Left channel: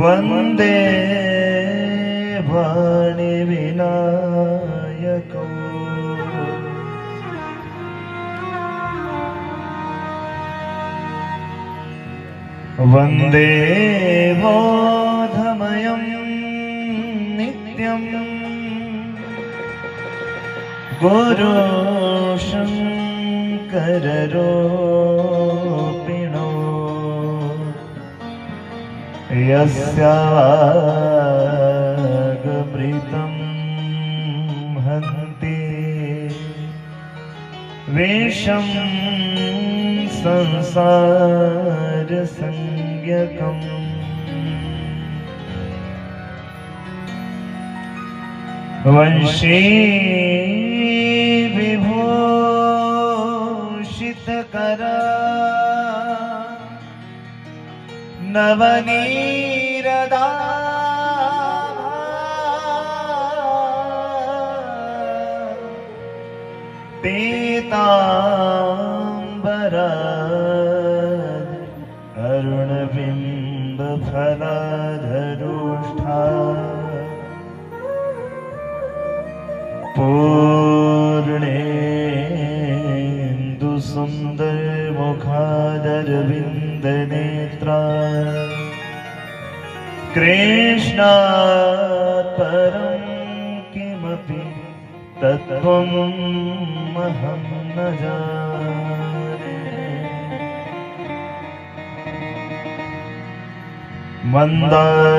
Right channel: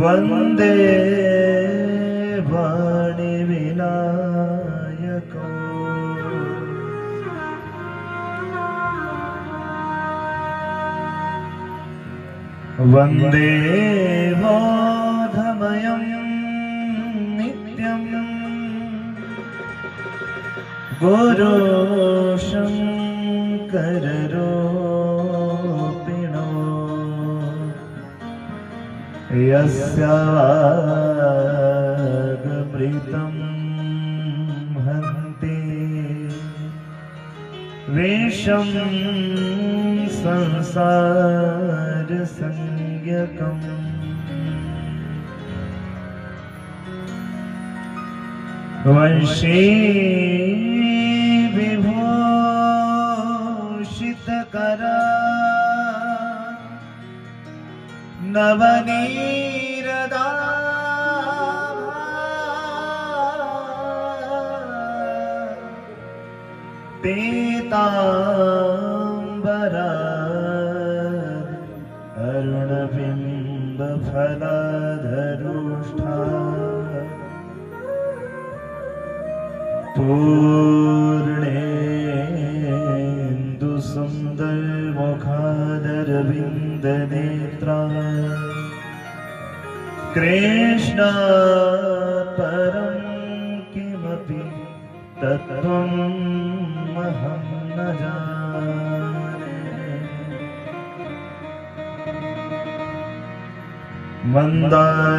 वन्दे वाणिविनायकम् वन्दे बोधमयं नित्यं गुरुशङ्कररूपिणो यस्यागमृतं हन्ति विषं संसारसंज्ञकम् वंशी विभूषितकरा नवनीरदा पीताम्बरा अरुणबिम्बफलाधरोष्ठा पूर्णेन्दुसुन्दरमुखादरविन्दनेत्रा कृष्णात् परं किमपि तत्त्वमहं न जाने। मन्दारमाला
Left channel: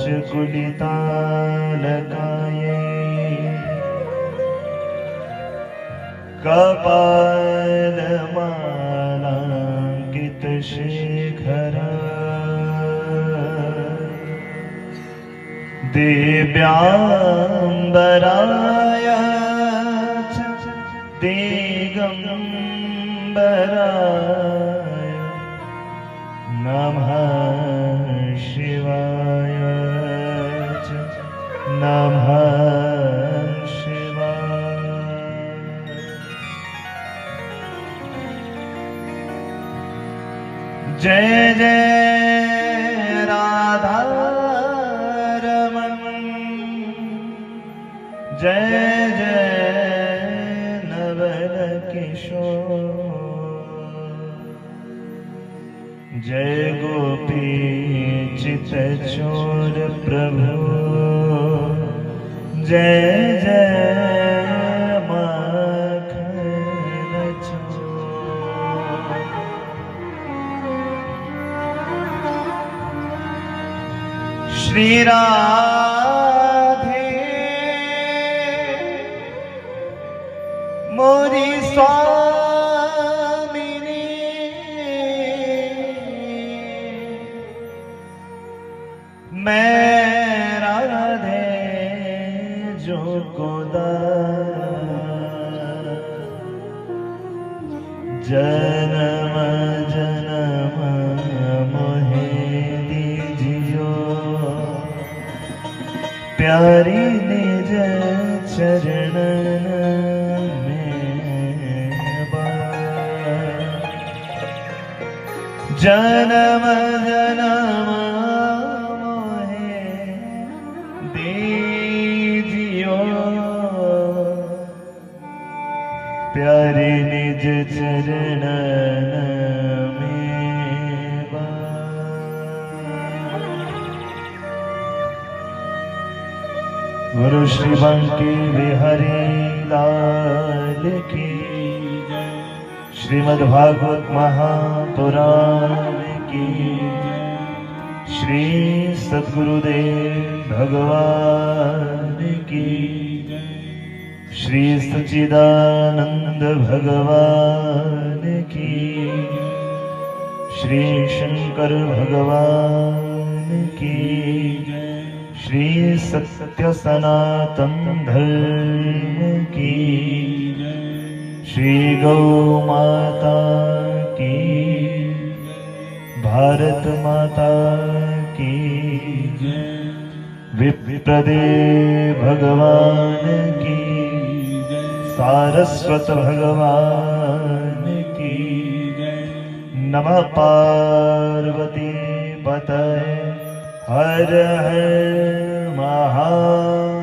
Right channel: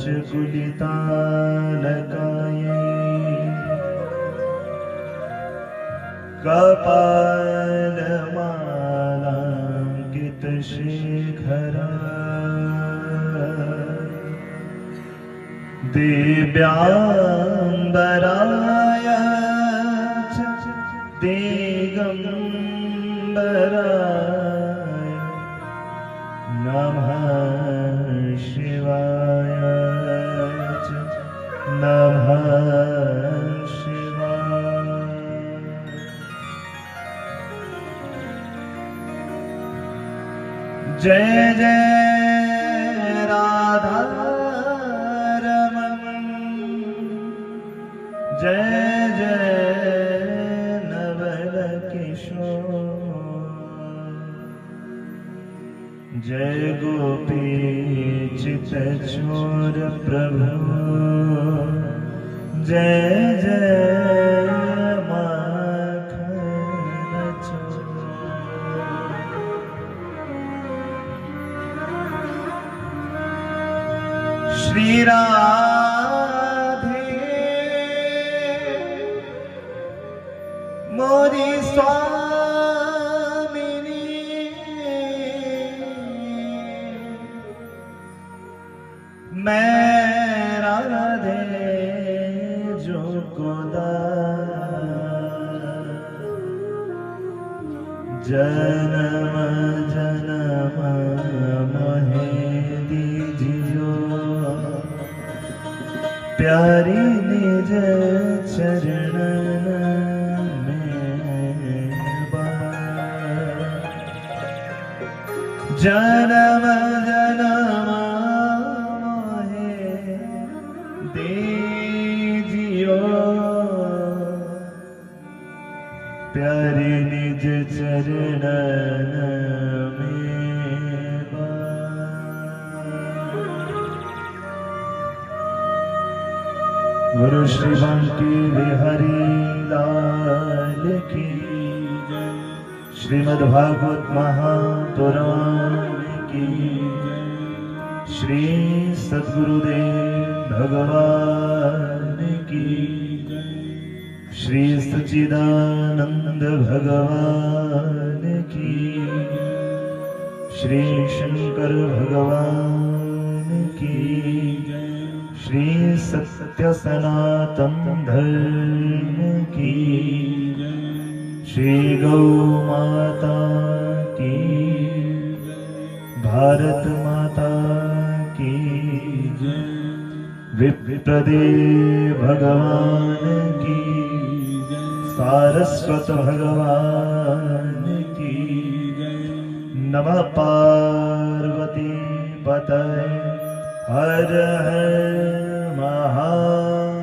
च कुलितालकायै कपालमालाङ्कितशेखरा दिव्याम्बराय च दिगम्बराय नमः शिवाय च नमः शिवाय। जय जय राधा जय जय नवल किशोर जय गोपी चितचोर प्रभु जय जय माखन चोर। श्री राम मोरी स्वामिनी मैं राधे जो गोदा जन्म जन्म मोहे दीजियो प्यारी निज चरणन जन्म जन्म मोहे दीजियो प्यारे निज चरणन में गुरु श्री बंकी बिहारी लाल की श्रीमद्भागवत महापुराण की श्री सद्गुरुदेव भगवान की श्री सच्चिदानंद भगवान की श्री शंकर भगवान की श्री सत्य सनातन धर्म की श्री गौ माता की भारत माता की विप्रदेव भगवान की सारस्वत भगवान की नमः पार्वती हर हर महादेव।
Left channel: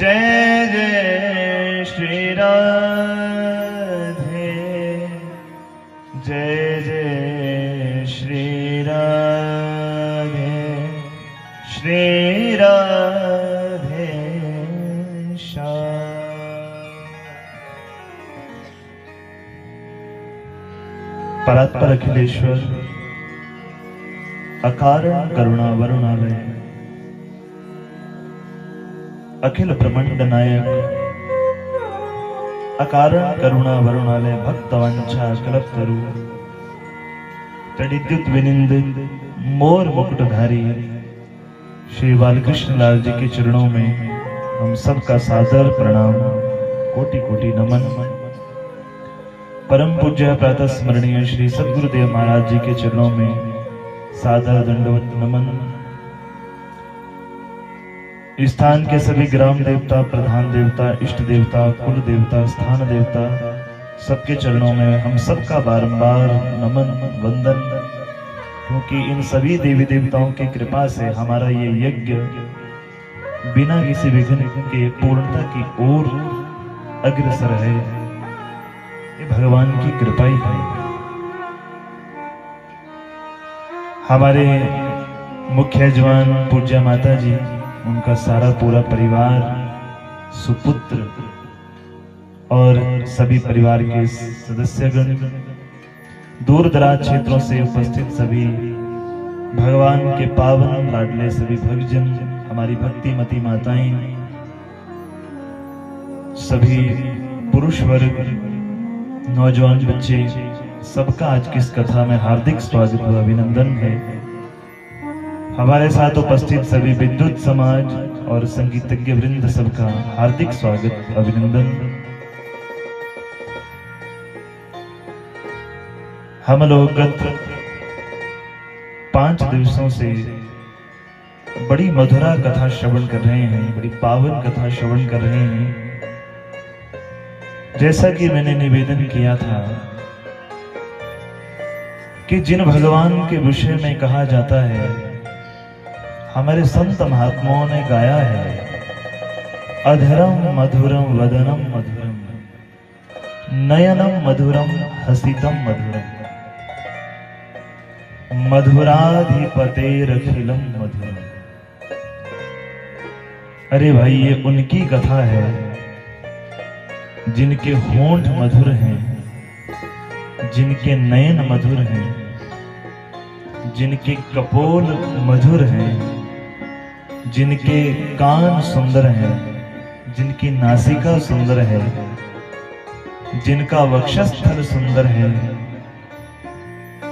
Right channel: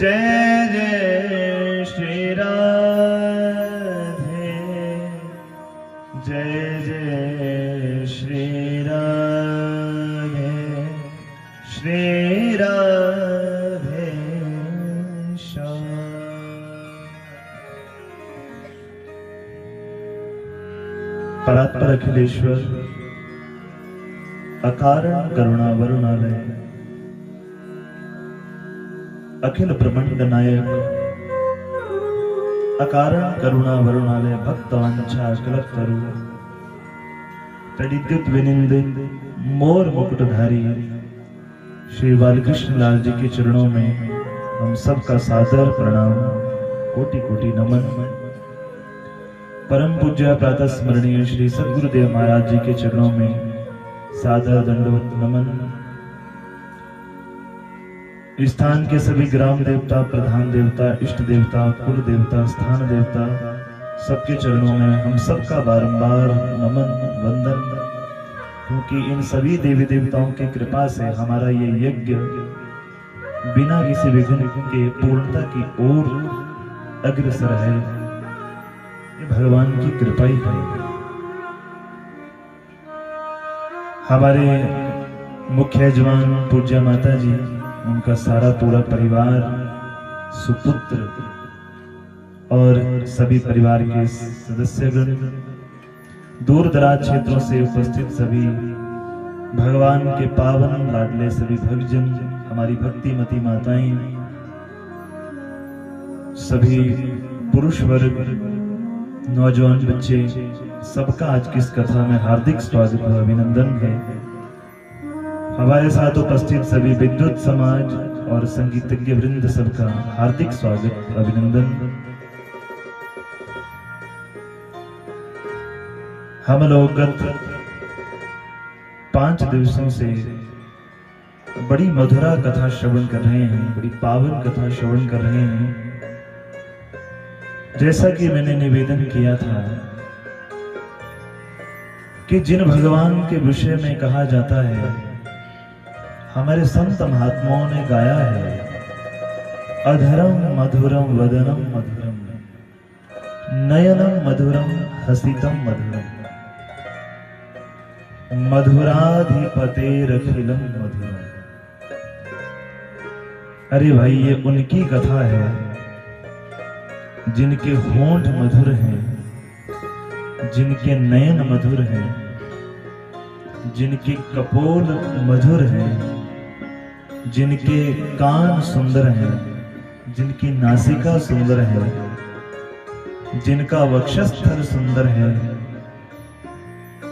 जय जय श्री राधे, जय जय श्री राधे, श्री राधे श्याम। परात्पर अखिलेश्वर अकारण करुणा वरुणालय अखिल ब्रह्मांड नायक अकारण करुणा वरुणालय भक्तवंशा कल्पतरु तडिद्युत विनिंदित मोर मुकुटधारी श्री बालकृष्ण लाल जी के चरणों में हम सबका सादर प्रणाम, कोटि कोटि नमन। परम पूज्य प्रातः स्मरणीय श्री सद्गुरुदेव महाराज जी के चरणों में सादर दंडवत नमन। इस स्थान के सभी ग्राम देवता, प्रधान देवता, इष्ट देवता, कुल देवता, स्थान देवता, सबके चरणों में हम सबका बारंबार नमन वंदन, क्योंकि इन सभी देवी देवताओं की कृपा से हमारा ये यज्ञ बिना किसी विघ्न के पूर्णता की ओर अग्रसर है। ये भगवान की कृपा ही है। हमारे मुख्य जवान पूज्य माता जी, उनका सारा पूरा परिवार, सुपुत्र और सभी परिवार के सदस्यगण, दूर दराज क्षेत्रों से उपस्थित सभी भगवान के पावन लाडले सभी भक्तजन, हमारी भक्तिमती माताएं, सभी पुरुष वर्ग, नौजवान बच्चे, सबका आज की इस कथा में हार्दिक स्वागत और अभिनंदन है। हमारे साथ उपस्थित सभी विद्युत समाज और संगीतज्ञ वृंद सबका हार्दिक स्वागत अभिनंदन। हम लोग गत 5 दिवसों से बड़ी मधुरा कथा श्रवण कर रहे हैं, बड़ी पावन कथा श्रवण कर रहे हैं। जैसा कि मैंने निवेदन किया था कि जिन भगवान के विषय में कहा जाता है, हमारे संत महात्माओं ने गाया है, अधरम मधुरम वदनम मधुरम, नयनम मधुरम हसितम मधुरम, मधुराधिपतेरखिलम मधुरम। अरे भाई, ये उनकी कथा है जिनके होंठ मधुर हैं, जिनके नयन मधुर हैं, जिनके कपोल मधुर हैं, जिनके कान सुंदर हैं, जिनकी नासिका सुंदर है, जिनका वक्षस्थल सुंदर है,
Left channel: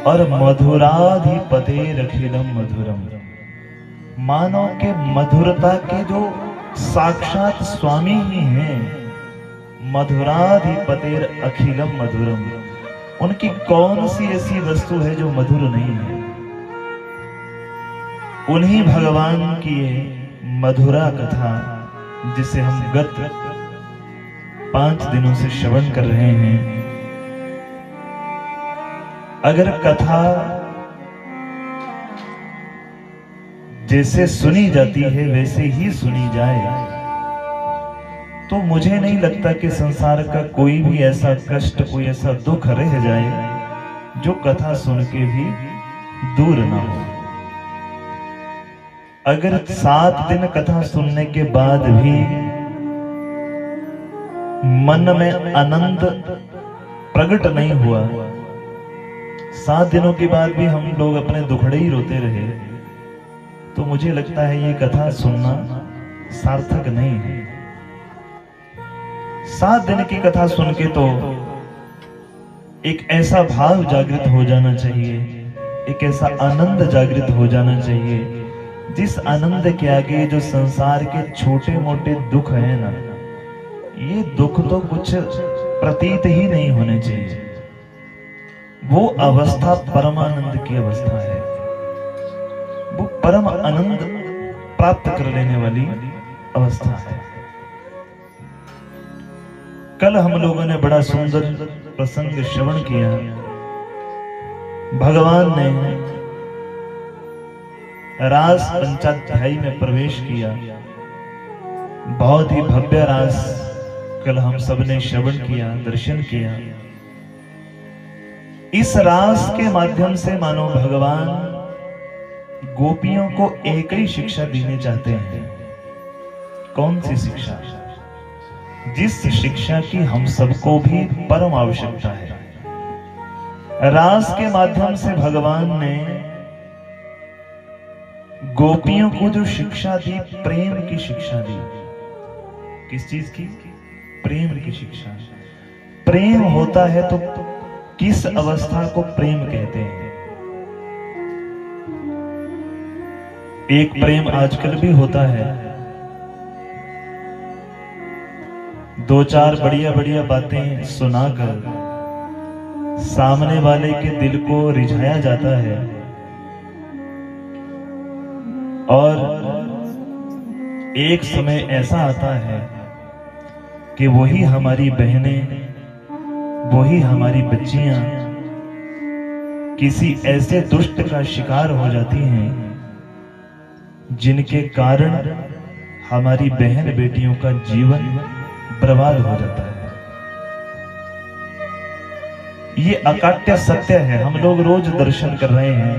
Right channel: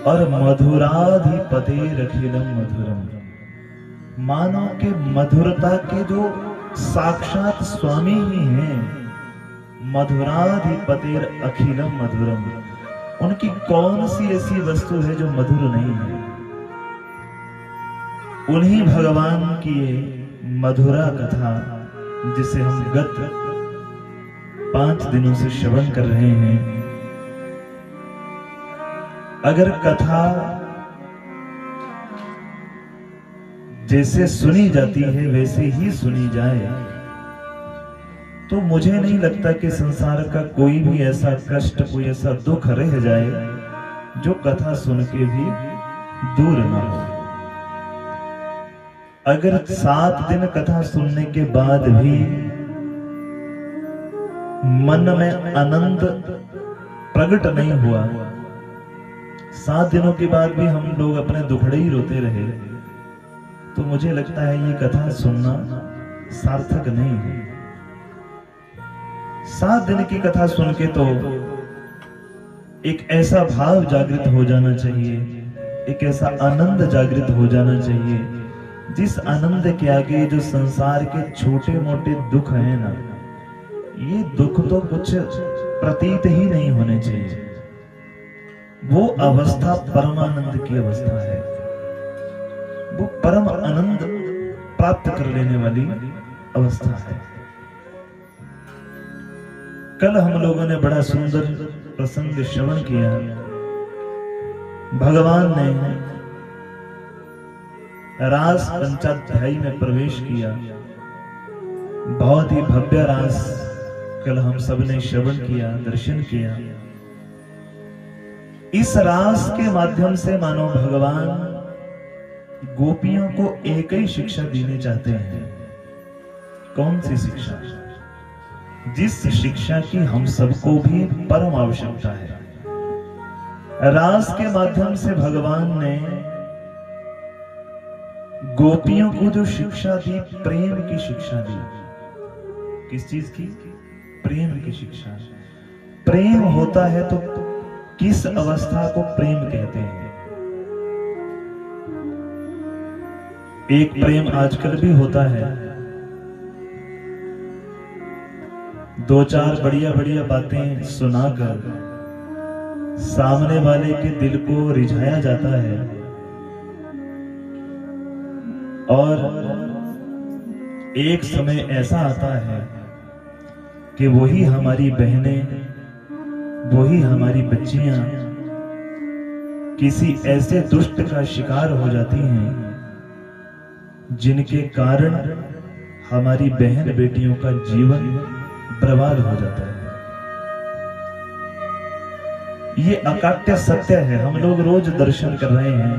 और मधुराधिपतेरखिलम मधुरम, मानो के मधुरता के जो साक्षात स्वामी ही हैं। मधुराधिपतेर अखिलम मधुरम, उनकी कौन सी ऐसी वस्तु है जो मधुर नहीं है? उन्हीं भगवान की मधुरा कथा जिसे हम गत 5 दिनों से श्रवण कर रहे हैं। अगर कथा जैसे सुनी जाती है वैसे ही सुनी जाए तो मुझे नहीं लगता कि संसार का कोई भी ऐसा कष्ट, कोई ऐसा दुख रह जाए जो कथा सुन के भी दूर ना हो। अगर 7 दिन कथा सुनने के बाद भी मन में आनंद प्रकट नहीं हुआ, 7 दिनों के बाद भी हम लोग अपने दुखड़े ही रोते रहे, तो मुझे लगता है ये कथा सुनना सार्थक नहीं है। 7 दिन की कथा सुन के तो एक ऐसा भाव जागृत हो जाना चाहिए, एक ऐसा आनंद जागृत हो जाना चाहिए, जिस आनंद के आगे जो संसार के छोटे मोटे दुख हैं ना, ये दुख तो कुछ प्रतीत ही नहीं होने चाहिए। वो अवस्था परमानंद की अवस्था है, वो परम आनंद प्राप्त कर लेने वाली अवस्था है। कल हम लोगों ने बड़ा सुंदर प्रसंग श्रवण किया। भगवान ने रास पंचाध्यायी में प्रवेश किया। बहुत ही भव्य रास कल हम सब ने श्रवण किया, दर्शन किया। इस रास के माध्यम से मानो भगवान गोपियों को एक ही शिक्षा देने चाहते हैं। कौन सी शिक्षा? जिस शिक्षा की हम सबको भी परम आवश्यकता है। रास के माध्यम से भगवान ने गोपियों को जो शिक्षा दी, प्रेम की शिक्षा दी। किस चीज की? प्रेम की शिक्षा। प्रेम होता है तो किस अवस्था को प्रेम कहते हैं? एक प्रेम आजकल भी होता है, दो चार बढ़िया बढ़िया बातें सुनाकर सामने वाले के दिल को रिझाया जाता है और एक समय ऐसा आता है कि वही हमारी बहनें, वही हमारी बच्चियां किसी ऐसे दुष्ट का शिकार हो जाती हैं जिनके कारण हमारी बहन बेटियों का जीवन बर्बाद हो जाता है। ये अकाट्य सत्य है। हम लोग रोज दर्शन कर रहे हैं,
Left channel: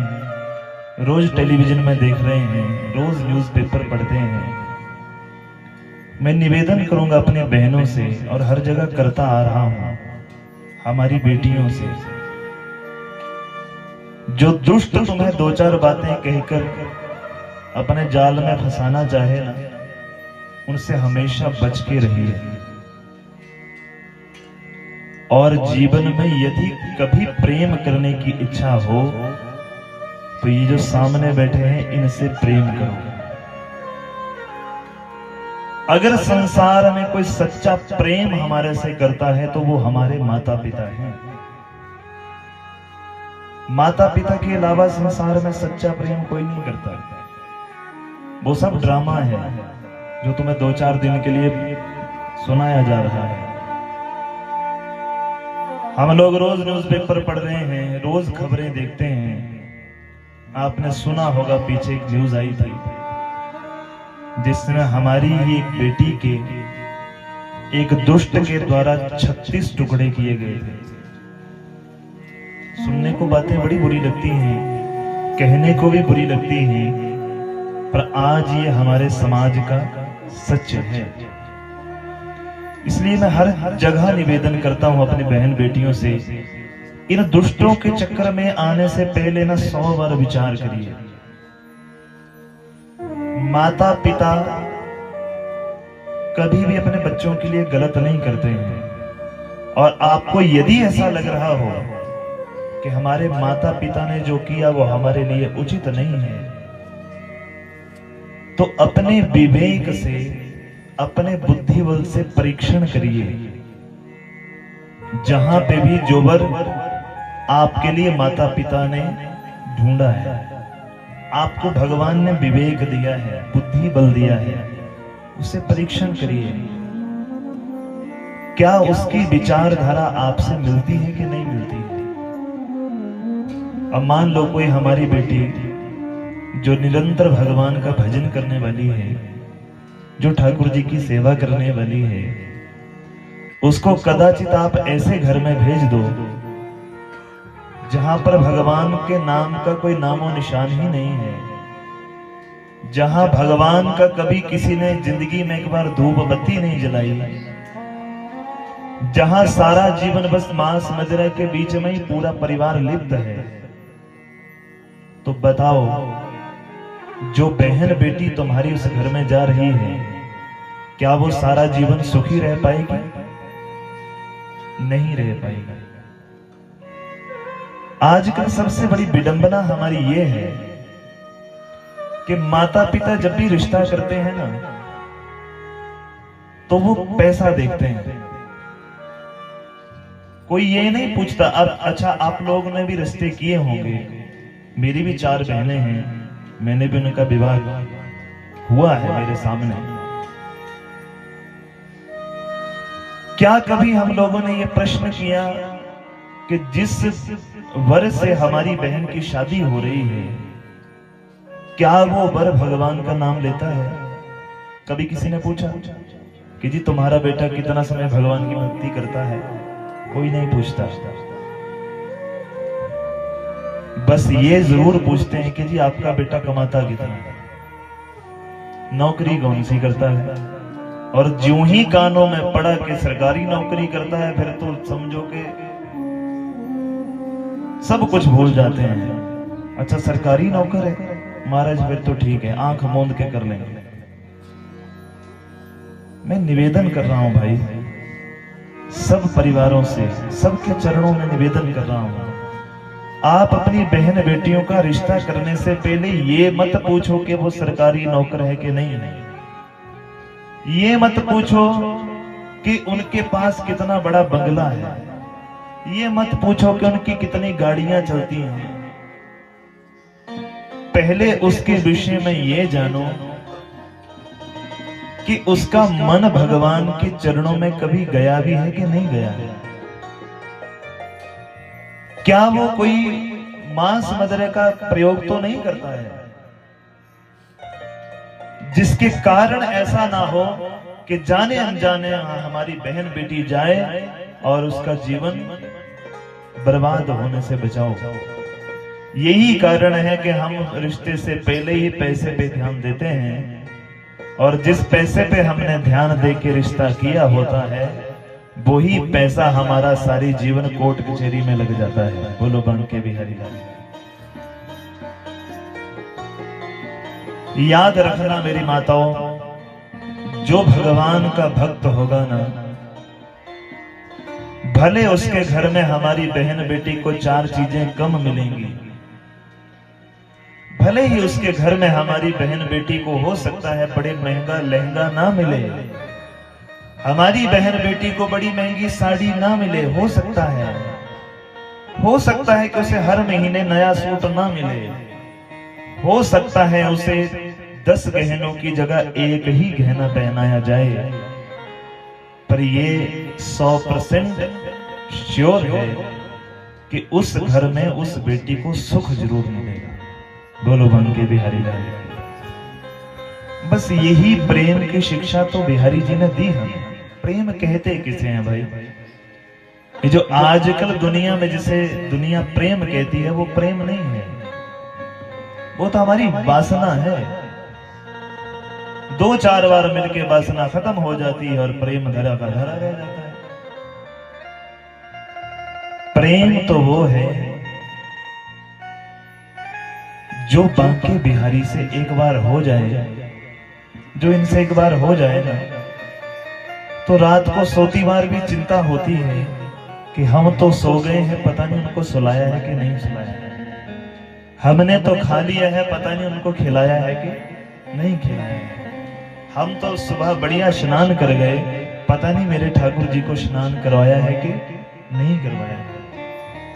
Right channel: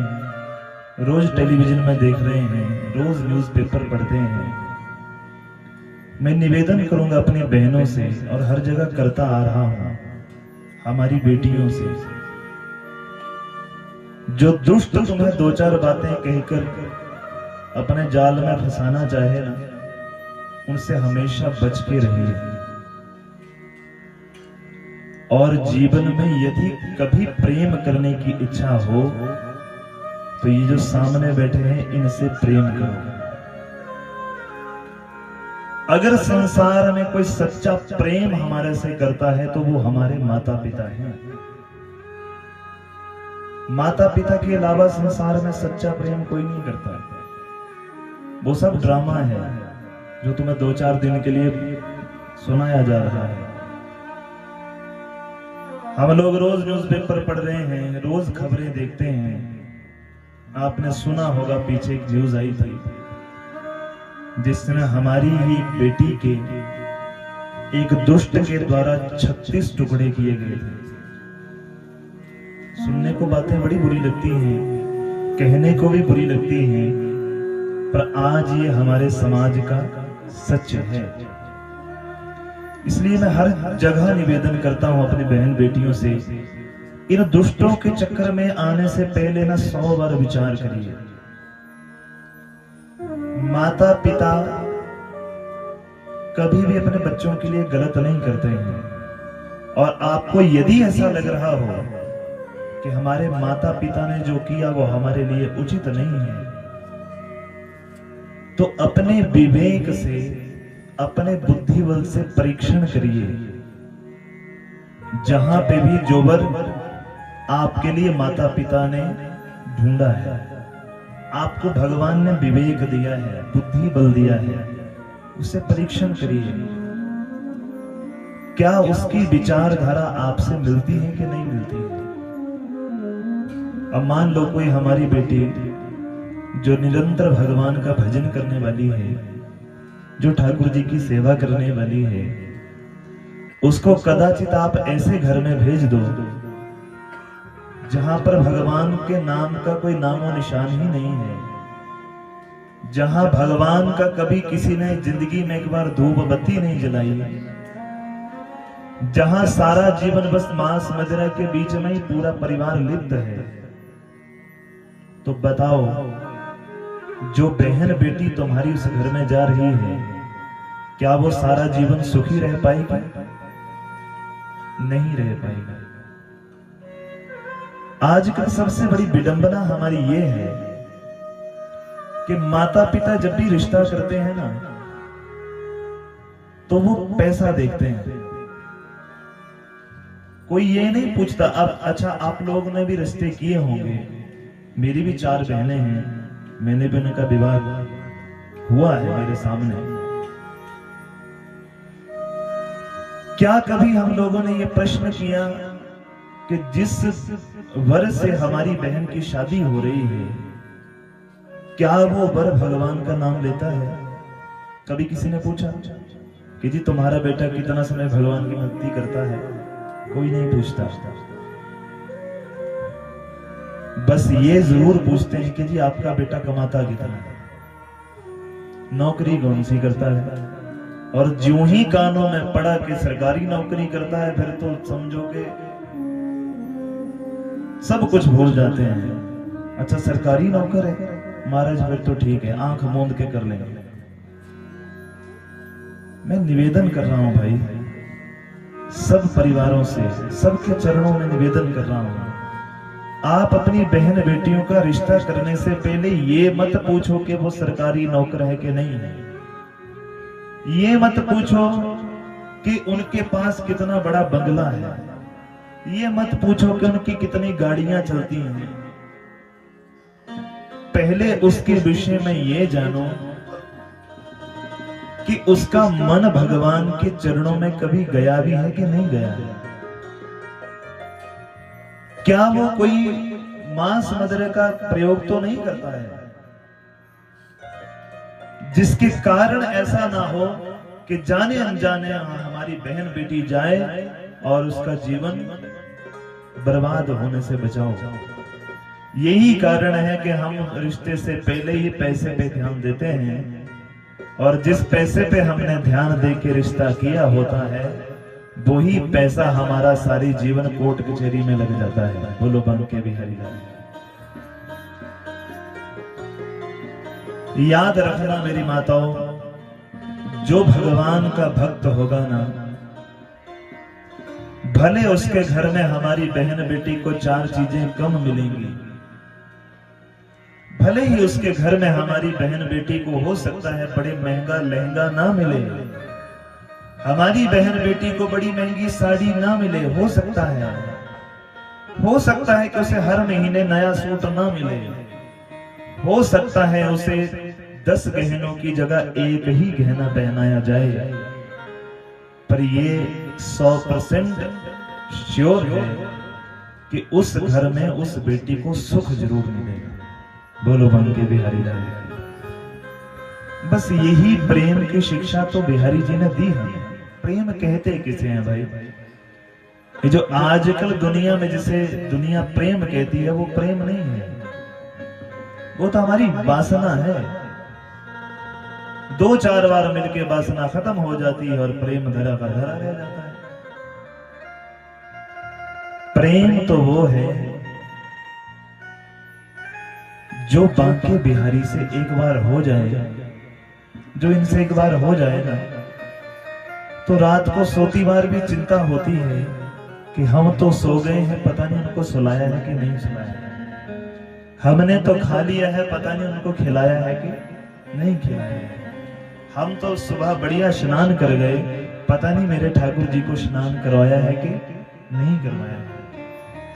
रोज टेलीविजन में देख रहे हैं, रोज न्यूज़पेपर पढ़ते हैं। मैं निवेदन करूंगा अपने बहनों से, और हर जगह करता आ रहा हूं, हमारी बेटियों से, जो दुष्ट तुम्हें दो चार बातें कहकर अपने जाल में फंसाना चाहे ना, उनसे हमेशा बच के रहिए। और जीवन में यदि कभी प्रेम करने की इच्छा हो तो ये जो सामने बैठे हैं इनसे प्रेम करो। अगर संसार में कोई सच्चा प्रेम हमारे से करता है तो वो हमारे माता पिता हैं। माता पिता के अलावा संसार में सच्चा प्रेम कोई नहीं करता। वो सब ड्रामा है जो तुम्हें दो चार दिन के लिए सुनाया जा रहा है। हम लोग रोज न्यूज़पेपर पढ़ रहे हैं, रोज खबरें देखते हैं। आपने सुना होगा, पीछे एक न्यूज आई थी जिसमें हमारी ही एक बेटी के एक दुष्ट के द्वारा 36 टुकड़े किए गए थे। सुनने को बातें बड़ी बुरी लगती हैं, कहने को भी बुरी लगती हैं, पर आज ये हमारे समाज का सच है। इसलिए मैं हर जगह निवेदन करता हूं अपनी बहन बेटियों से, इन दुष्टों के चक्कर में आने से पहले ना 100 बार विचार करिए। माता पिता कभी भी अपने बच्चों के लिए गलत नहीं करते हैं, और आपको यदि ऐसा लग रहा हो कि हमारे माता पिता ने जो किया वो हमारे लिए उचित नहीं है, तो अपने विवेक से, अपने बुद्धिबल से परीक्षण करिए। जहां पे भी जो वर आपके लिए माता पिता ने ढूंढा है, आपको भगवान ने विवेक दिया है, बुद्धि बल दिया है, उसे परीक्षण करिए। क्या उसकी विचारधारा आपसे मिलती है कि नहीं मिलती है? अब मान लो कोई हमारी बेटी जो निरंतर भगवान का भजन करने वाली है, जो ठाकुर जी की सेवा करने वाली है, उसको कदाचित आप ऐसे घर में भेज दो जहां पर भगवान के नाम का कोई नामो निशान ही नहीं है, जहां भगवान का कभी किसी ने जिंदगी में एक बार धूप बत्ती नहीं जलाई, जहां सारा जीवन बस मांस मदिरा के बीच में ही पूरा परिवार लिप्त है, तो बताओ जो बहन बेटी तुम्हारी उस घर में जा रही है, क्या वो सारा जीवन सुखी रह पाएगी? नहीं रह पाएगी। आजकल सबसे बड़ी विडंबना हमारी ये है कि माता पिता जब भी रिश्ता करते हैं ना, तो वो पैसा देखते हैं। कोई ये नहीं पूछता अब अच्छा आप लोगों ने भी रिश्ते किए होंगे, मेरी भी 4 बहनें हैं, मैंने भी उनका विवाह हुआ है मेरे सामने। क्या कभी हम लोगों ने ये प्रश्न किया कि जिस वर्ष से हमारी बहन की शादी हो रही है, क्या वो बर भगवान का नाम लेता है? कभी किसी ने पूछा कि जी तुम्हारा बेटा कितना समय भगवान की भक्ति करता है? कोई नहीं पूछता। बस ये जरूर पूछते हैं कि जी आपका बेटा कमाता कितना है, नौकरी कौन सी करता है। और ज्यों ही कानों में पड़ा कि सरकारी नौकरी करता है, फिर तो समझो कि सब कुछ भूल जाते हैं। अच्छा सरकारी नौकर है महाराज, फिर तो ठीक है, आंख मूंद के कर लेंगे। मैं निवेदन कर रहा हूं भाई, सब परिवारों से, सबके चरणों में निवेदन कर रहा हूं, आप अपनी बहन बेटियों का रिश्ता करने से पहले ये मत पूछो कि वो सरकारी नौकर है कि नहीं है। ये मत पूछो कि उनके पास कितना बड़ा बंगला है। ये मत पूछो कि उनकी कितनी गाड़ियां चलती हैं। पहले उसके विषय में ये जानो कि उसका मन भगवान के चरणों में कभी गया भी है कि नहीं गया है। क्या वो कोई मांस मदिरा का प्रयोग तो नहीं करता है, जिसके कारण ऐसा ना हो कि जाने अनजाने हमारी बहन बेटी जाए और उसका जीवन बर्बाद होने से बचाओ। यही कारण है कि हम रिश्ते से पहले ही पैसे पे ध्यान देते हैं, और जिस पैसे पे हमने ध्यान दे के रिश्ता किया होता है, वही पैसा हमारा सारी जीवन कोर्ट कचहरी में लग जाता है। बोलो बांके बिहारी लाल। याद रखना मेरी माताओं, जो भगवान का भक्त होगा ना, भले उसके घर में हमारी बहन बेटी को 4 चीजें कम मिलेंगी, भले ही उसके घर में हमारी बहन बेटी को हो सकता है बड़े महंगा लहंगा ना मिले, हमारी बहन बेटी को बड़ी महंगी साड़ी ना मिले, हो सकता है कि उसे हर महीने नया सूट ना मिले, हो सकता है उसे 10 गहनों की जगह एक ही गहना पहनाया जाए, पर ये 100% श्योर है कि उस घर में उस बेटी को सुख जरूर मिलेगा। बोलो बांके बिहारी लाल। बस यही प्रेम की शिक्षा तो बिहारी जी ने दी हमें। प्रेम कहते किसे हैं भाई? ये जो आजकल दुनिया में जिसे दुनिया प्रेम कहती है, वो प्रेम नहीं है, वो तो हमारी वासना है। 2-4 बार मिलके वासना खत्म हो जाती है और प्रेम धरा का धरा रह जाता है। प्रेम तो वो है जो बांके बिहारी से एक बार हो जाए, जो इनसे एक बार हो जाए ना, तो रात को सोती बार भी चिंता होती है कि हम तो सो गए हैं, पता नहीं उनको सुलाया है कि नहीं सुलाया है। हमने तो खा लिया है, पता नहीं उनको खिलाया है कि नहीं खिलाया है। हम तो सुबह बढ़िया स्नान कर गए, पता नहीं मेरे ठाकुर जी को स्नान करवाया है कि नहीं करवाया है।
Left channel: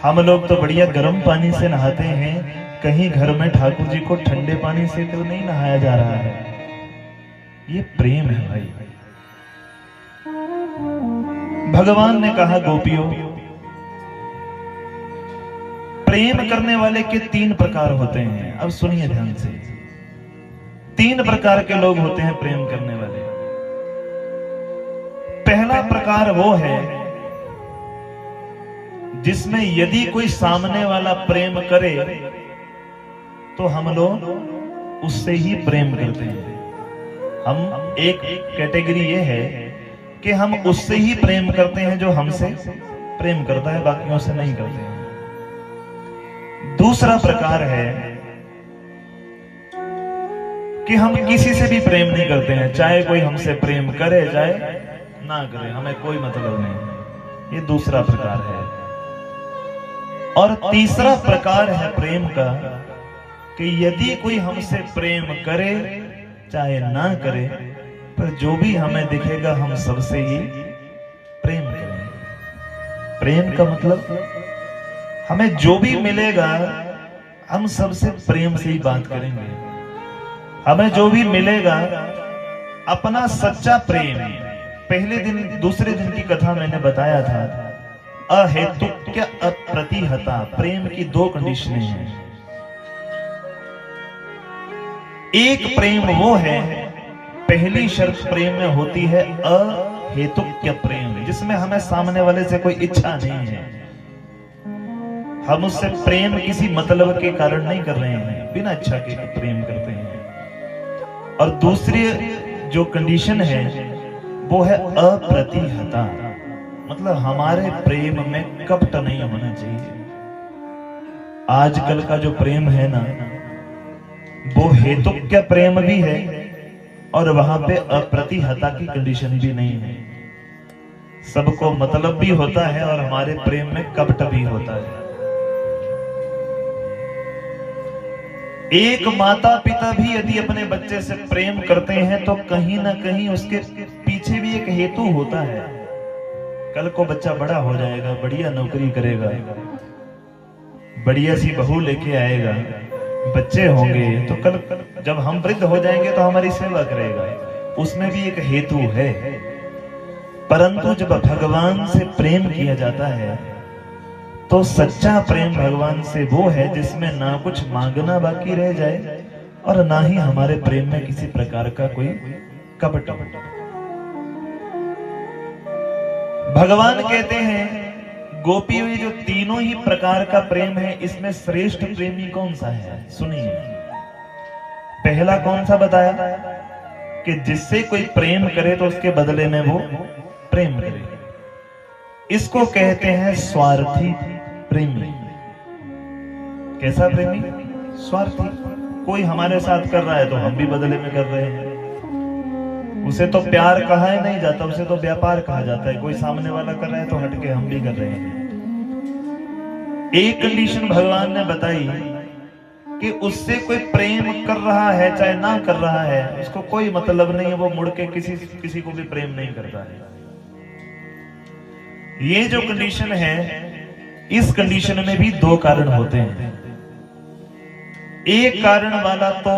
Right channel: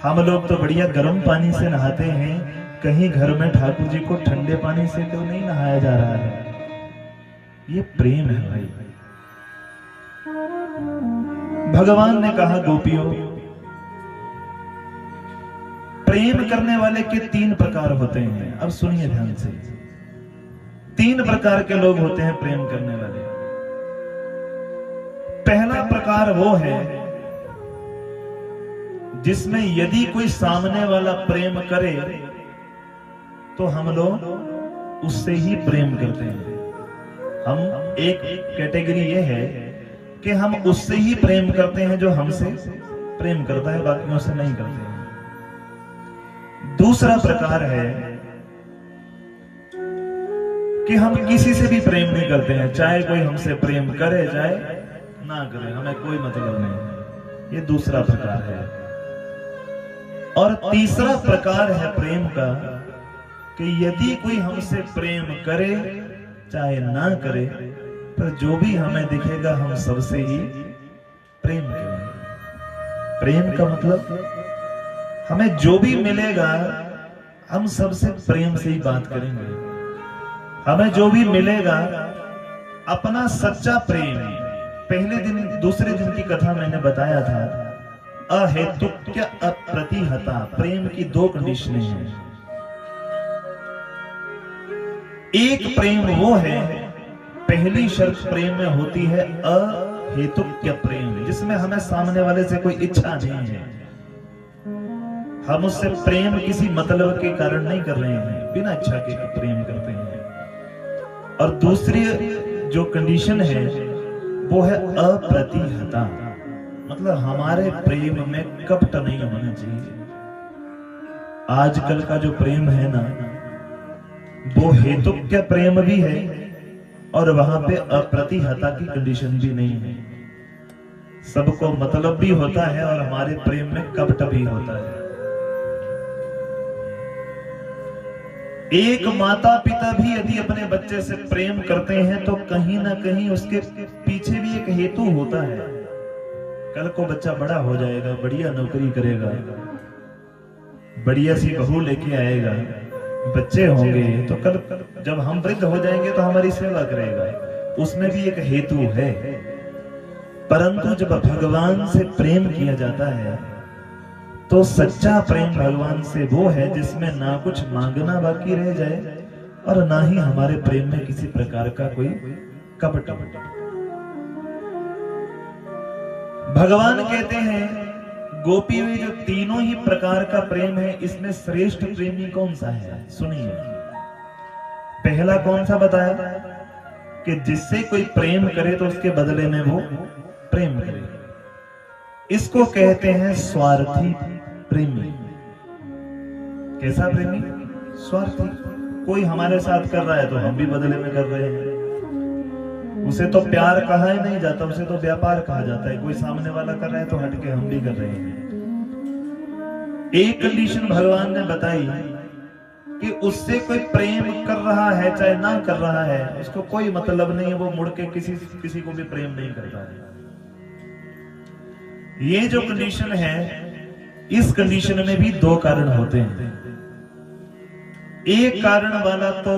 हम लोग तो बढ़िया गर्म पानी से नहाते हैं, कहीं घर में ठाकुर जी को ठंडे पानी से तो नहीं नहाया जा रहा है। ये प्रेम है भाई। भगवान ने कहा गोपियों, प्रेम करने वाले के 3 प्रकार होते हैं। अब सुनिए ध्यान से, 3 प्रकार के लोग होते हैं प्रेम करने वाले। पहला प्रकार वो है जिसमें यदि कोई सामने वाला प्रेम करे तो हम लोग उससे ही प्रेम करते हैं। हम एक कैटेगरी ये है कि हम उससे ही प्रेम करते हैं जो हमसे प्रेम करता है, बाकियों से नहीं करते हैं। दूसरा प्रकार है कि हम किसी से भी प्रेम नहीं करते हैं, चाहे कोई हमसे प्रेम करे चाहे ना करे, हमें कोई मतलब नहीं। ये दूसरा प्रकार है। और तीसरा प्रकार है प्रेम का कि यदि कोई हमसे प्रेम करे चाहे ना करे, पर जो भी हमें दिखेगा हम सबसे ही प्रेम करेंगे। प्रेम का मतलब हमें जो भी मिलेगा हम सबसे प्रेम से ही बात करेंगे। हमें जो भी मिलेगा अपना सच्चा प्रेम। पहले दिन दूसरे दिन की कथा मैंने बताया था, अहेतुक्य अप्रतिहता प्रेम की 2 कंडीशनें हैं। एक प्रेम वो है, पहली शर्त प्रेम में होती है अहेतुक प्रेम, जिसमें हमें सामने वाले से कोई इच्छा नहीं है, हम उससे प्रेम किसी मतलब के कारण नहीं कर रहे हैं, बिना इच्छा के प्रेम करते हैं। और दूसरी जो कंडीशन है वो है अप्रतिहता, मतलब हमारे प्रेम में कपट नहीं होना चाहिए। आजकल का जो प्रेम है ना, वो हेतुक प्रेम भी है और वहां पे अप्रतिहता की कंडीशन भी नहीं है। सबको मतलब भी होता है और हमारे प्रेम में कपट भी होता है। एक माता पिता भी यदि अपने बच्चे से प्रेम करते हैं तो कहीं ना कहीं उसके पीछे भी एक हेतु होता है। कल को बच्चा बड़ा हो जाएगा, बढ़िया नौकरी करेगा, बढ़िया सी बहू लेके आएगा, बच्चे होंगे, तो कल जब हम वृद्ध हो जाएंगे तो हमारी सेवा करेगा, उसमें भी एक हेतु है। परंतु जब भगवान से प्रेम किया जाता है तो सच्चा प्रेम भगवान से वो है जिसमें ना कुछ मांगना बाकी रह जाए और ना ही हमारे प्रेम में किसी प्रकार का कोई कपट। भगवान कहते हैं गोपी में जो तीनों ही प्रकार का प्रेम है, इसमें श्रेष्ठ प्रेमी कौन सा है? सुनिए, पहला कौन सा बताया कि जिससे कोई प्रेम करे तो उसके बदले में वो प्रेम करे, इसको कहते हैं स्वार्थी प्रेमी। कैसा प्रेमी? स्वार्थी। कोई हमारे साथ कर रहा है तो हम भी बदले में कर रहे हैं, उसे तो प्यार कहा ही नहीं जाता, उसे तो व्यापार कहा जाता है। कोई सामने वाला कर रहा है तो हटके हम भी कर रहे हैं। एक कंडीशन भगवान ने बताई कि उससे कोई प्रेम कर रहा है चाहे ना कर रहा है, उसको कोई मतलब नहीं है, वो मुड़ के किसी को भी प्रेम नहीं करता है। ये जो कंडीशन है, इस कंडीशन में भी दो कारण होते हैं। एक कारण वाला तो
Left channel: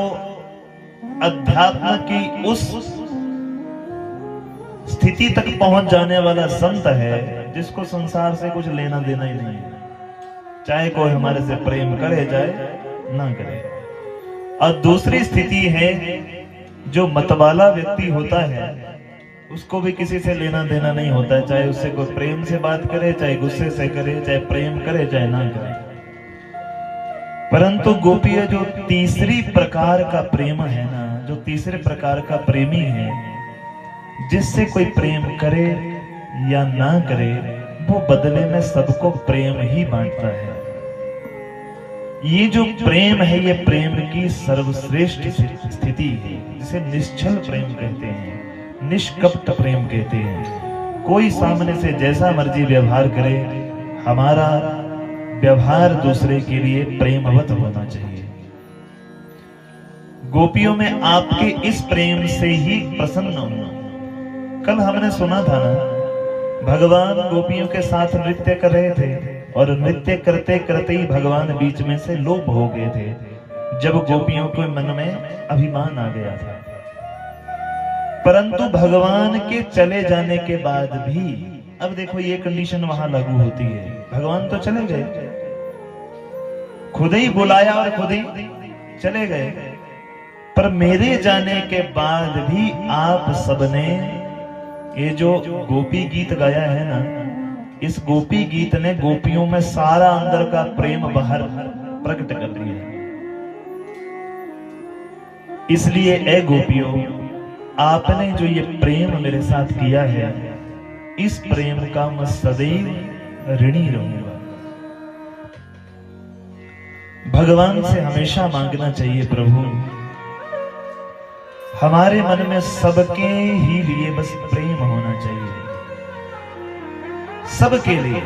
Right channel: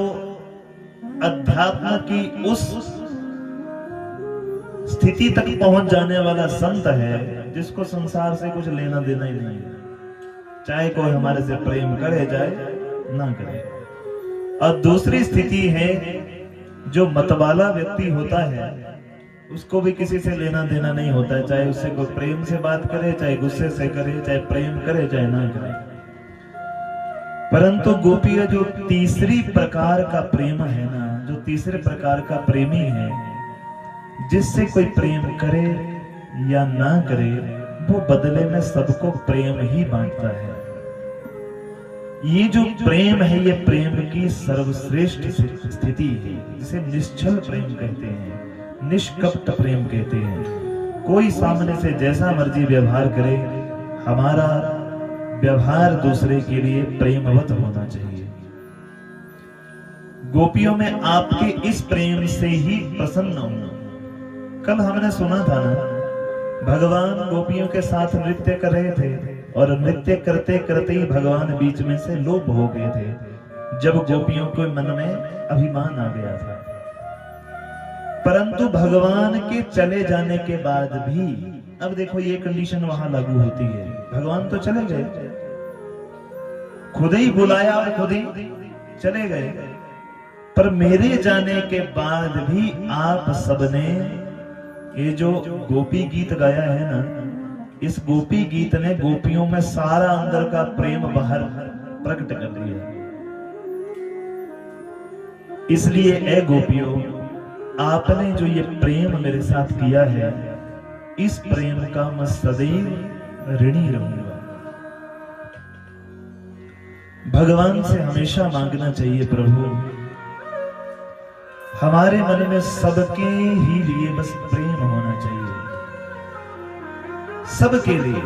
अध्यात्म की उस स्थिति तक पहुंच जाने वाला संत है जिसको संसार से कुछ लेना देना ही नहीं है, चाहे कोई हमारे से प्रेम करे चाहे ना करे। और दूसरी स्थिति है जो मतवाला व्यक्ति होता है, उसको भी किसी से लेना देना नहीं होता है, चाहे उससे कोई प्रेम से बात करे चाहे गुस्से से करे, चाहे प्रेम करे चाहे ना करे। परंतु गोपियां जो तीसरी प्रकार का प्रेम है ना, जो तीसरे प्रकार का प्रेमी है, जिससे कोई प्रेम करे या ना करे, वो बदले में सबको प्रेम ही बांटता है। ये जो प्रेम है, ये प्रेम की सर्वश्रेष्ठ स्थिति है, जिसे निश्चल प्रेम कहते हैं, निष्कपट प्रेम कहते हैं। कोई सामने से जैसा मर्जी व्यवहार करे, हमारा व्यवहार दूसरे के लिए प्रेमवत होना चाहिए। गोपियों में आपके इस प्रेम से ही प्रसन्न होना। कल हमने सुना था ना, भगवान गोपियों के साथ नृत्य कर रहे थे और नृत्य करते करते ही भगवान बीच में से लोप हो गए थे, जब गोपियों के मन में अभिमान आ गया था। परंतु भगवान के चले जाने के बाद भी, अब देखो ये कंडीशन वहां लागू होती है, भगवान तो चले गए, खुद ही बुलाया और खुद ही चले गए, पर मेरे जाने के बाद भी आप सबने ये जो गोपी गीत गाया है ना, इस गोपी गीत ने गोपियों में सारा अंदर का प्रेम बाहर प्रकट कर दिया। इसलिए ए गोपियों, आपने जो ये प्रेम मेरे साथ किया है, इस प्रेम का मैं सदैव ऋणी रहूंगा। भगवान से हमेशा मांगना चाहिए, प्रभु हमारे मन में सबके ही लिए बस प्रेम होना चाहिए, सबके लिए।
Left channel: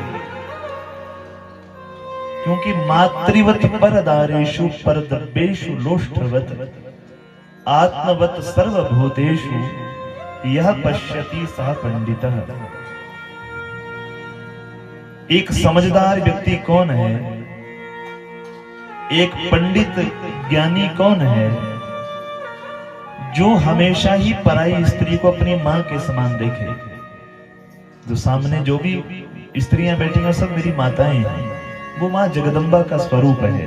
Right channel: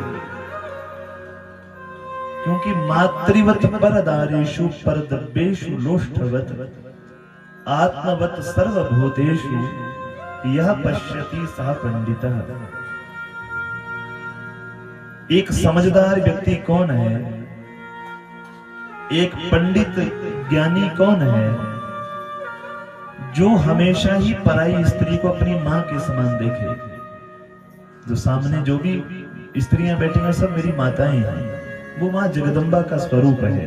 क्योंकि मातृवत परदारेषु परदब्बेषु लोष्ठवत आत्मवत सर्वभूतेषु यह पश्यति सह पंडितः। एक समझदार व्यक्ति कौन है? एक पंडित ज्ञानी कौन है? जो हमेशा ही पराई स्त्री को अपनी मां के समान देखे। जो सामने जो भी स्त्रियां बैठी हैं सब मेरी माताएं हैं, वो मां जगदम्बा का स्वरूप है।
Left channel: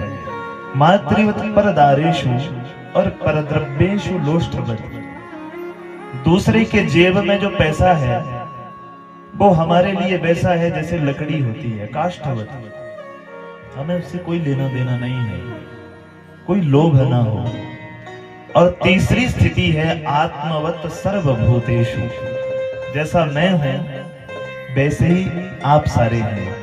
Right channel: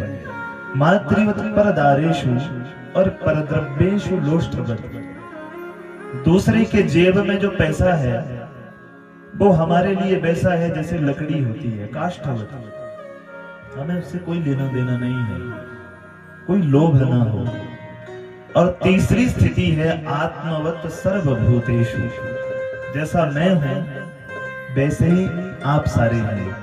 मातृवत परदारेषु, और परद्रव्येषु लोष्ठवत्, दूसरे के जेब में जो पैसा है वो हमारे लिए वैसा है जैसे लकड़ी होती है, काष्ठवत। हमें उससे कोई लेना देना नहीं है, कोई लोभ ना हो। और तीसरी स्थिति है आत्मवत सर्वभूतेषु, जैसा मैं हूं वैसे ही आप सारे हैं।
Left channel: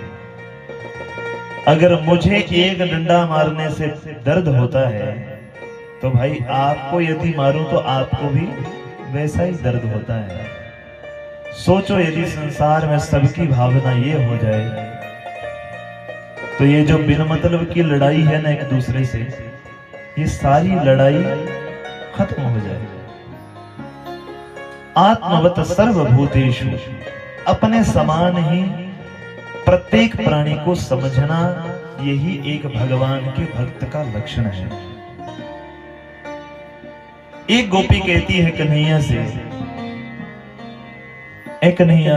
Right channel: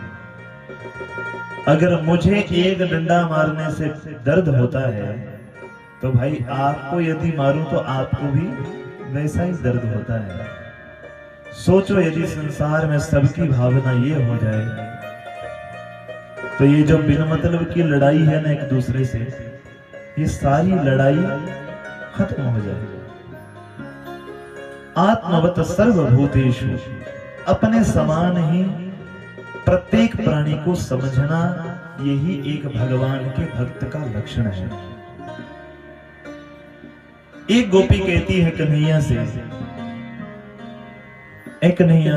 अगर मुझे एक डंडा मारने से दर्द होता है तो भाई आपको यदि मारूं तो आपको भी वैसा ही दर्द होता है। सोचो यदि संसार में सबकी भावना ये हो जाए तो ये जो बिना मतलब की लड़ाई है ना एक दूसरे से, ये सारी लड़ाई खत्म हो जाए। आत्मवत सर्वभूतेषु, अपने समान ही प्रत्येक प्राणी को समझना, यही एक भगवान के भक्त का लक्षण है। एक गोपी कहती है कन्हैया से, ए कन्हैया,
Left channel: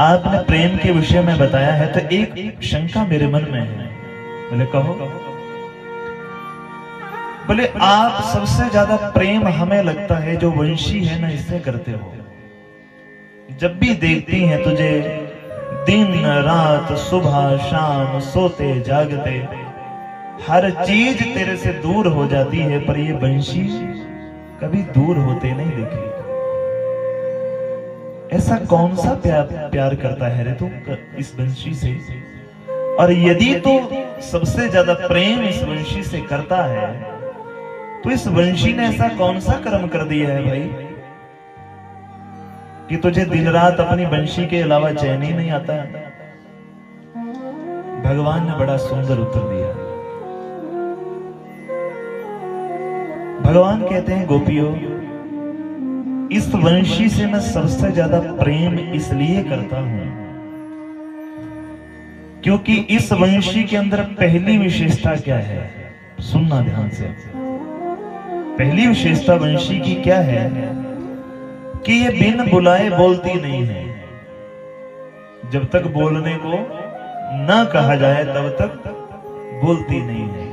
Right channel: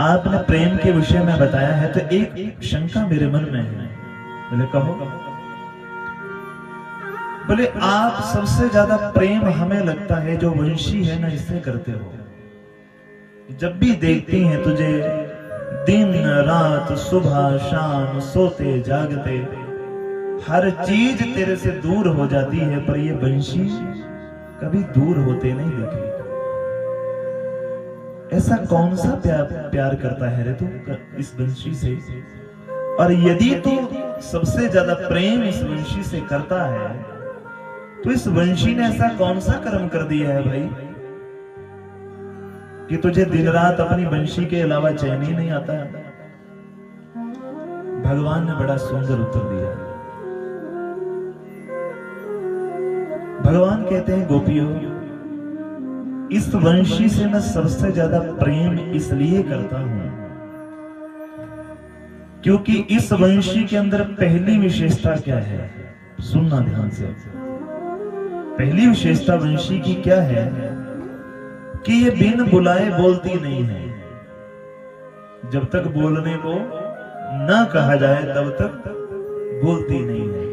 आपने प्रेम के विषय में बताया है तो एक शंका मेरे मन में है। बोले कहो। बोले आप सबसे ज्यादा प्रेम हमें लगता है जो वंशी है ना इससे करते हो। जब भी देखती हैं तुझे दिन रात सुबह शाम सोते जागते हर चीज तेरे से दूर हो जाती है, पर ये वंशी कभी दूर होते नहीं देखे। ऐसा कौन सा प्यार करता है रे तू इस वंशी से? और यदि तो सबसे ज्यादा प्रेम इस वंशी से करता है तो इस वंशी ने ऐसा कौन सा कर्म कर दिया है भाई कि तुझे दिन रात अपनी वंशी के अलावा चैन ही नहीं आता? भगवान ने बड़ा सुंदर उत्तर दिया। भगवान कहते हैं गोपियों, इस वंशी से मैं सबसे ज्यादा प्रेम इसलिए करता हूं क्योंकि इस वंशी के अंदर पहली विशेषता क्या है, सुनना ध्यान से। पहली विशेषता वंशी की क्या है कि ये बिन बुलाए बोलती नहीं है। जब तक बोलने को ना कहा जाए तब तक बोलती नहीं है।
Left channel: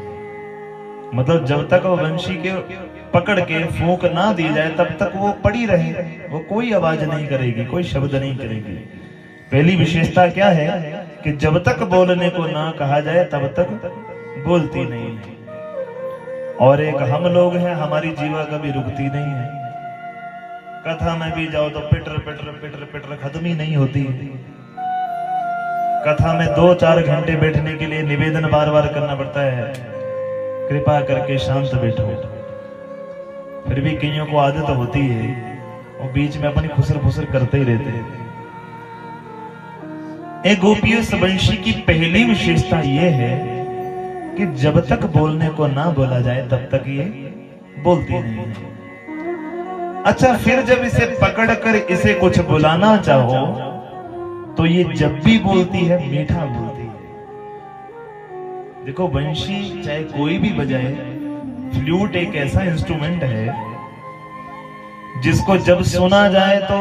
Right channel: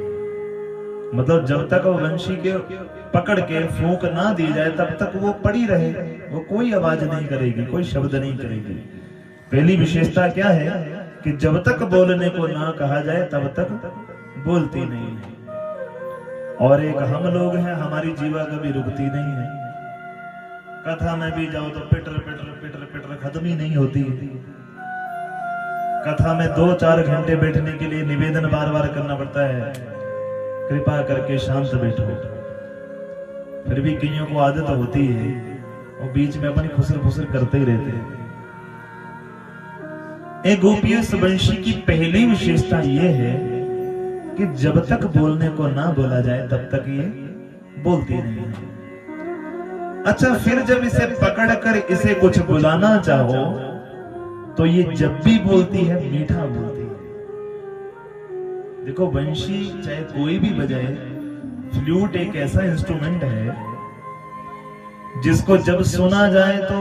मतलब जब तक वो वंशी के पकड़ के फूंक ना दी जाए तब तक वो पड़ी रहे, वो कोई आवाज नहीं करेगी, कोई शब्द नहीं करेगी। पहली विशेषता क्या है कि जब तक बोलने को ना कहा जाए तब तक बोलती नहीं है। और एक हम लोग हैं, हमारी जीवा कभी रुकती नहीं है। कथा में भी जाओ तो पिटर पिटर पिटर पिटर खत्म ही नहीं होती। कथा में 2-4 घंटे बैठने के लिए निवेदन बार बार करना पड़ता है, कृपा करके शांत बैठो। फिर भी कईयों को आदत होती है और बीच में अपनी खुसर फुसर करते ही रहते हैं। एक गोपियों वंशी की पहली विशेषता यह है कि जब तक बोलने को ना बोला जाए तब तक ये बोलती नहीं है। अच्छा, फिर जब इसे पकड़कर इसे कुछ बुलाना चाहो तो ये जब भी बोलती है मीठा बोलती है। देखो वंशी चाहे कोई भी बजाए, फ्लूट एक ऐसा इंस्ट्रूमेंट है जिसको जब सुना जाए तो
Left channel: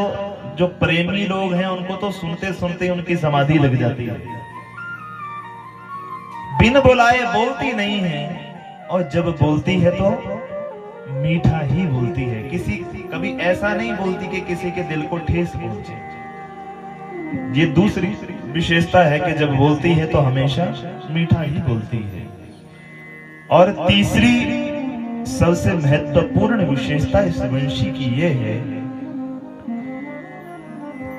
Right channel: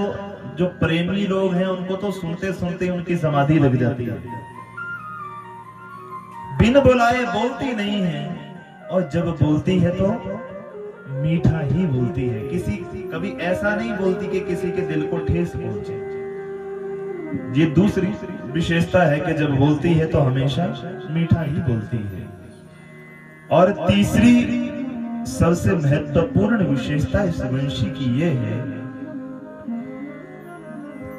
जो प्रेमी लोग हैं उनको तो सुनते सुनते उनकी समाधि लग जाती है। बिन बुलाए बोलती नहीं है और जब बोलती है तो मीठा ही बोलती है। कभी ऐसा नहीं बोलती कि किसी के दिल को ठेस पहुंचे। ये दूसरी विशेषता है कि जब बोलती है तो हमेशा मीठा ही बोलती है। और तीसरी सबसे महत्वपूर्ण विशेषता इस वंशी की यह है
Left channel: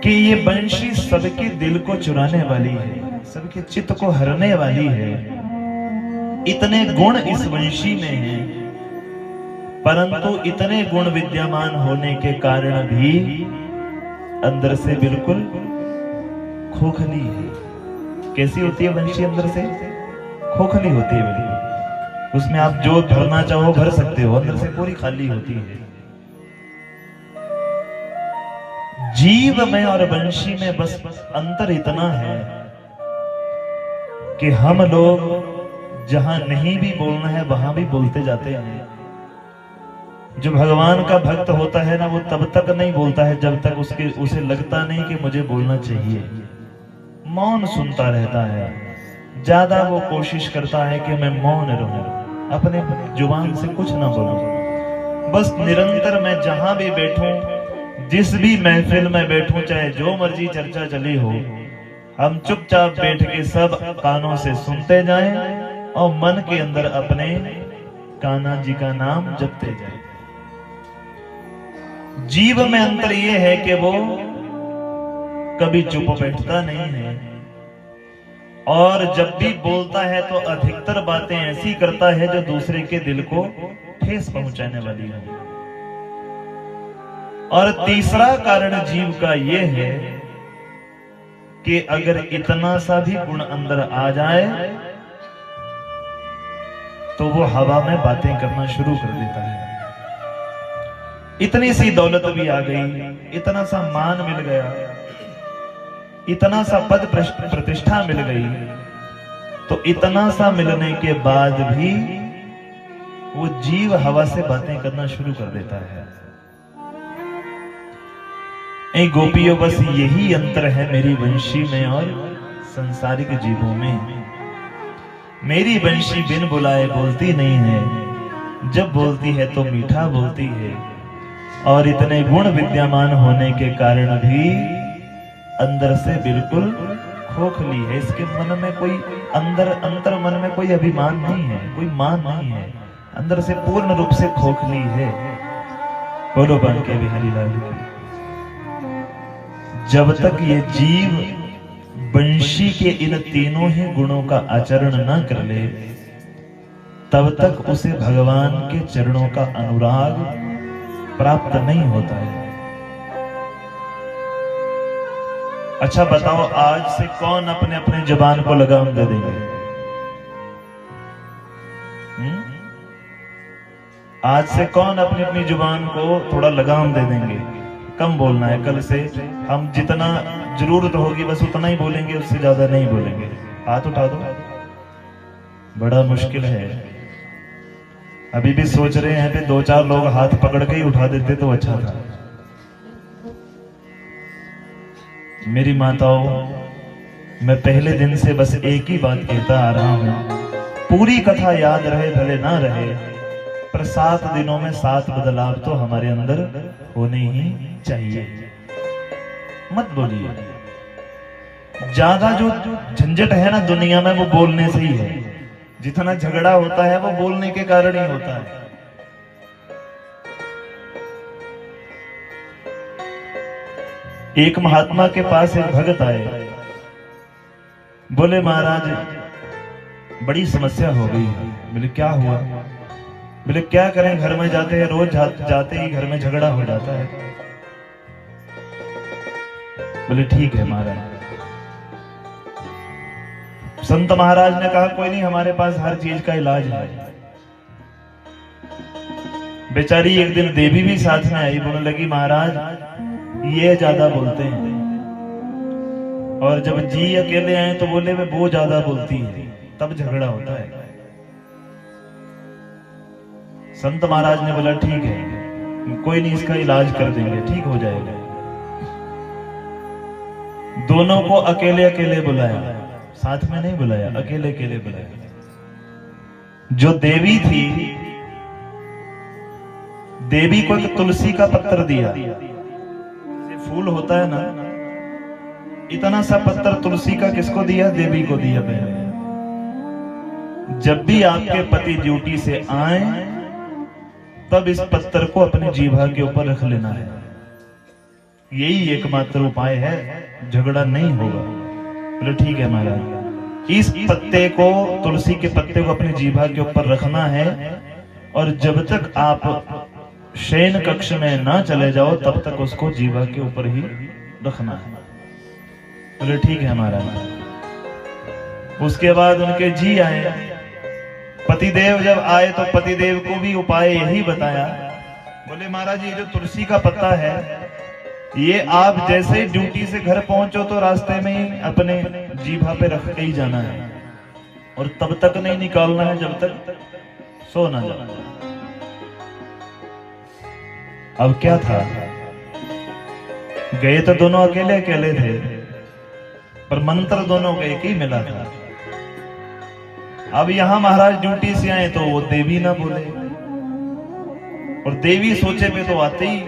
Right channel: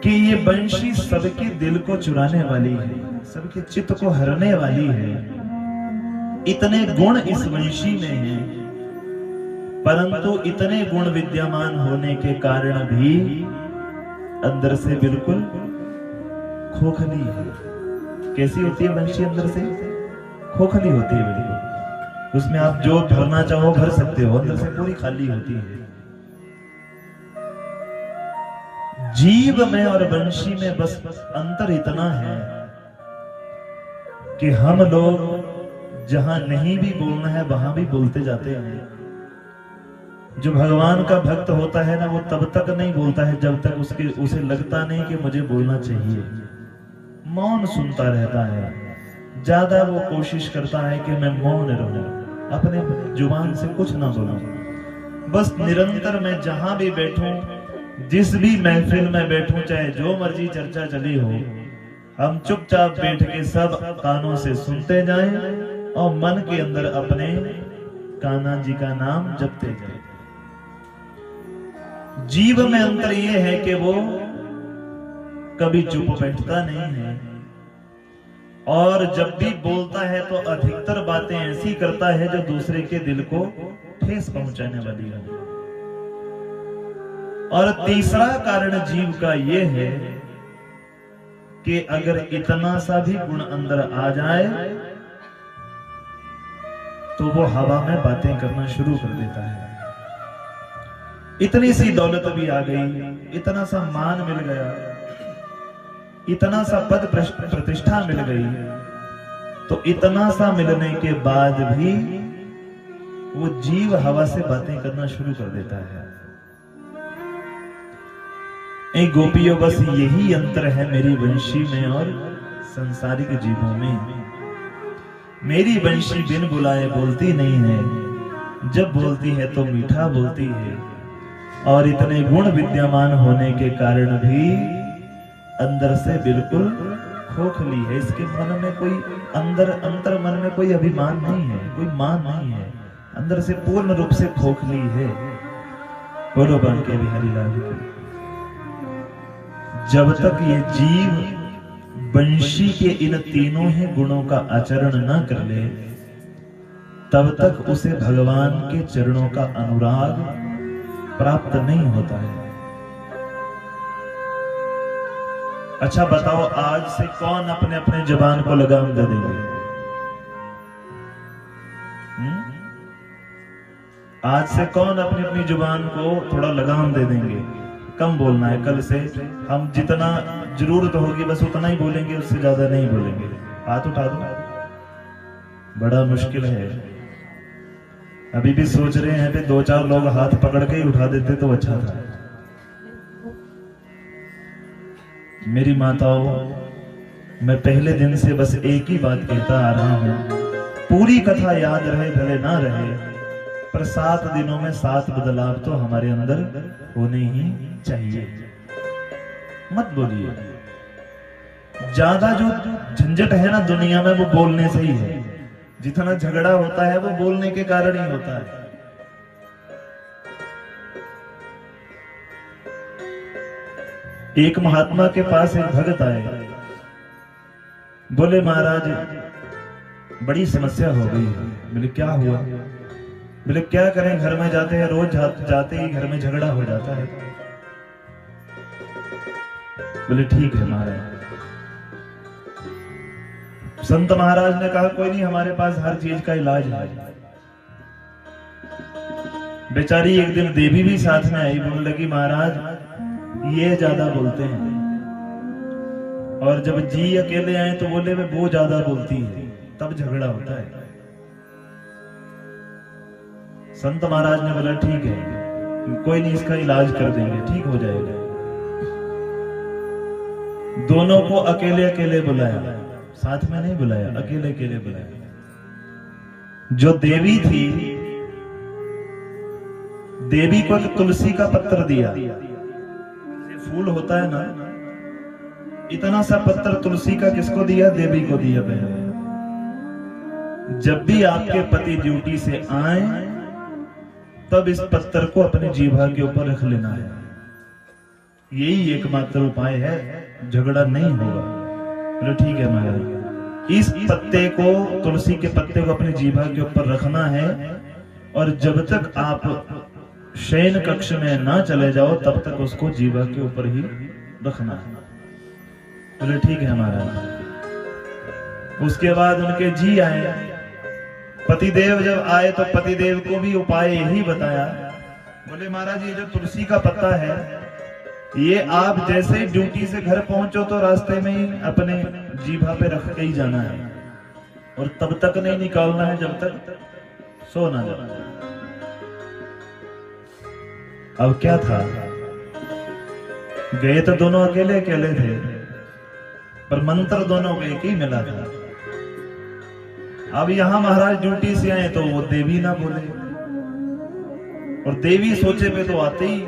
कि ये वंशी सबके दिल को चुराने वाली है, सबके चित्त को हरने वाली है। इतने गुण इस वंशी में हैं, परंतु इतने गुण विद्यमान होने के कारण भी अंदर से बिल्कुल खोखली है। कैसी होती है वंशी? अंदर से खोखली होती है बिल्कुल। उसमें आप जो भरना चाहो भर सकते हो, अंदर से पूरी खाली होती है। जीव में और वंशी में बस अंतर इतना है कि हम लोग जहां नहीं भी बोलना है वहां भी बोलते जाते हैं। जो भगवान का भक्त होता है ना, वो तब तक नहीं बोलता है जब तक उसे लगता नहीं कि मुझे बोलना चाहिए। मौन सुनता रहता है, ज्यादा वो कोशिश करता है कि मैं मौन रहूं। अपने जुबान से कुछ ना बोलूं। बस निरंतर मैं जहां भी बैठूं, जिस भी महफिल में बैठूं, चाहे जो मर्जी चर्चा चली हो, हम चुपचाप बैठ के सब कानों से सुनते जाएं और मन के अंदर अपने कान्हा जी का नाम जपते जाएं। जीव में अंतर यह है कि वो कभी चुप बैठता नहीं है, और जब भी बोलता है तो अधिकतर बातें ऐसी करता है जो दूसरे के दिल को ठेस पहुंचाने वाली है। और तीसरा कारण जीव का यह है कि अगर इतना सा भी गुण अंदर आ जाए तो वो हवा में बातें करना शुरू कर देता है। इतनी सी दौलत भी आ गई, इतना सा मान मिल गया, इतना सा पद प्रतिष्ठा मिल गई, तो इतना सा मिलने के बाद भी वो जीव हवा से बातें करना शुरू कर देता है। गोपियों, बस यही अंतर है मेरी वंशी में और संसारिक जीवों में। मेरी वंशी बिन बुलाए बोलती नहीं है, जब बोलती है तो मीठा बोलती है, और इतने गुण विद्यमान होने के कारण भी अंदर से बिल्कुल खोखली है। इसके मन में कोई अंतर मन में कोई अभिमान नहीं है, कोई मान नहीं है, अंदर से पूर्ण रूप से खोखली है। बोलो बांके बिहारी लाल की। जब तक ये जीव वंशी के इन तीनों ही गुणों का आचरण न कर ले, तब तक उसे भगवान के चरणों का अनुराग प्राप्त नहीं होता है। अच्छा बताओ, आज से कौन अपने अपने जुबान को लगाम दे देंगे? आज से कौन अपनी अपनी जुबान को थोड़ा लगाम दे देंगे? कम बोलना है, कल से हम जितना जरूरत होगी बस उतना ही बोलेंगे, उससे ज्यादा नहीं बोलेंगे। हाथ उठा दो। बड़ा मुश्किल है। अभी भी सोच रहे हैं कि 2-4 लोग हाथ पकड़ के ही उठा देते तो अच्छा था। मेरी माताओं, मैं पहले दिन से बस एक ही बात कहता आ रहा हूं, पूरी कथा याद रहे भले ना रहे, पर 7 दिनों में 7 बदलाव तो हमारे अंदर होने ही चाहिए। मत बोलिए। ज्यादा जो झंझट है ना दुनिया में, वो बोलने से ही है। जितना झगड़ा होता है वो बोलने के कारण ही होता है। एक महात्मा के पास एक भगत आए, बोले महाराज बड़ी समस्या हो गई। बोले क्या हुआ? बोले क्या करें, घर में जाते हैं, रोज जाते ही घर में झगड़ा हो जाता है। बोले ठीक है महाराज। संत महाराज ने कहा कोई नहीं, हमारे पास हर चीज का इलाज है। बेचारी एक दिन देवी भी साथ में आई, बोलने लगी महाराज ये ज्यादा बोलते हैं, और जब जी अकेले आए तो बोले वो ज्यादा बोलती है, तब झगड़ा होता है। संत महाराज ने बोला ठीक है, कोई नहीं, इसका इलाज कर देंगे, ठीक हो जाएगा। दोनों को अकेले अकेले बुलाया, साथ में नहीं बुलाया, अकेले अकेले बुलाया। जो देवी थी, देवी को एक तुलसी का पत्तर दिया। फूल होता है ना, इतना सा पत्तर तुलसी का किसको दिया? देवी को दिया। बहन, जब भी आपके पति ड्यूटी से आए तब इस पत्थर को अपनी जीभा के ऊपर रख लेना है। यही एकमात्र उपाय है, झगड़ा नहीं होगा। बोले ठीक है महाराज। इस पत्ते को, तुलसी के पत्ते को अपनी जीभा के ऊपर रखना है, और जब तक आप शयन कक्ष में ना चले जाओ तब तक उसको जीभा के ऊपर ही रखना है। बोले ठीक है महाराज। उसके बाद उनके जी आए, पतिदेव जब आए तो पतिदेव को भी उपाय यही बताया। बोले महाराज ये जो तुलसी का पत्ता है, ये आप जैसे ड्यूटी से घर पहुंचो तो रास्ते में अपने जीभा पे रख के ही जाना है, और तब तक नहीं निकालना है जब तक सो ना जाओ। अब क्या था, गए तो दोनों अकेले अकेले थे, पर मंत्र दोनों को एक ही मिला था। अब यहां महाराज ड्यूटी से आए तो वो देवी ना बोले, और देवी सोचे पे तो आते ही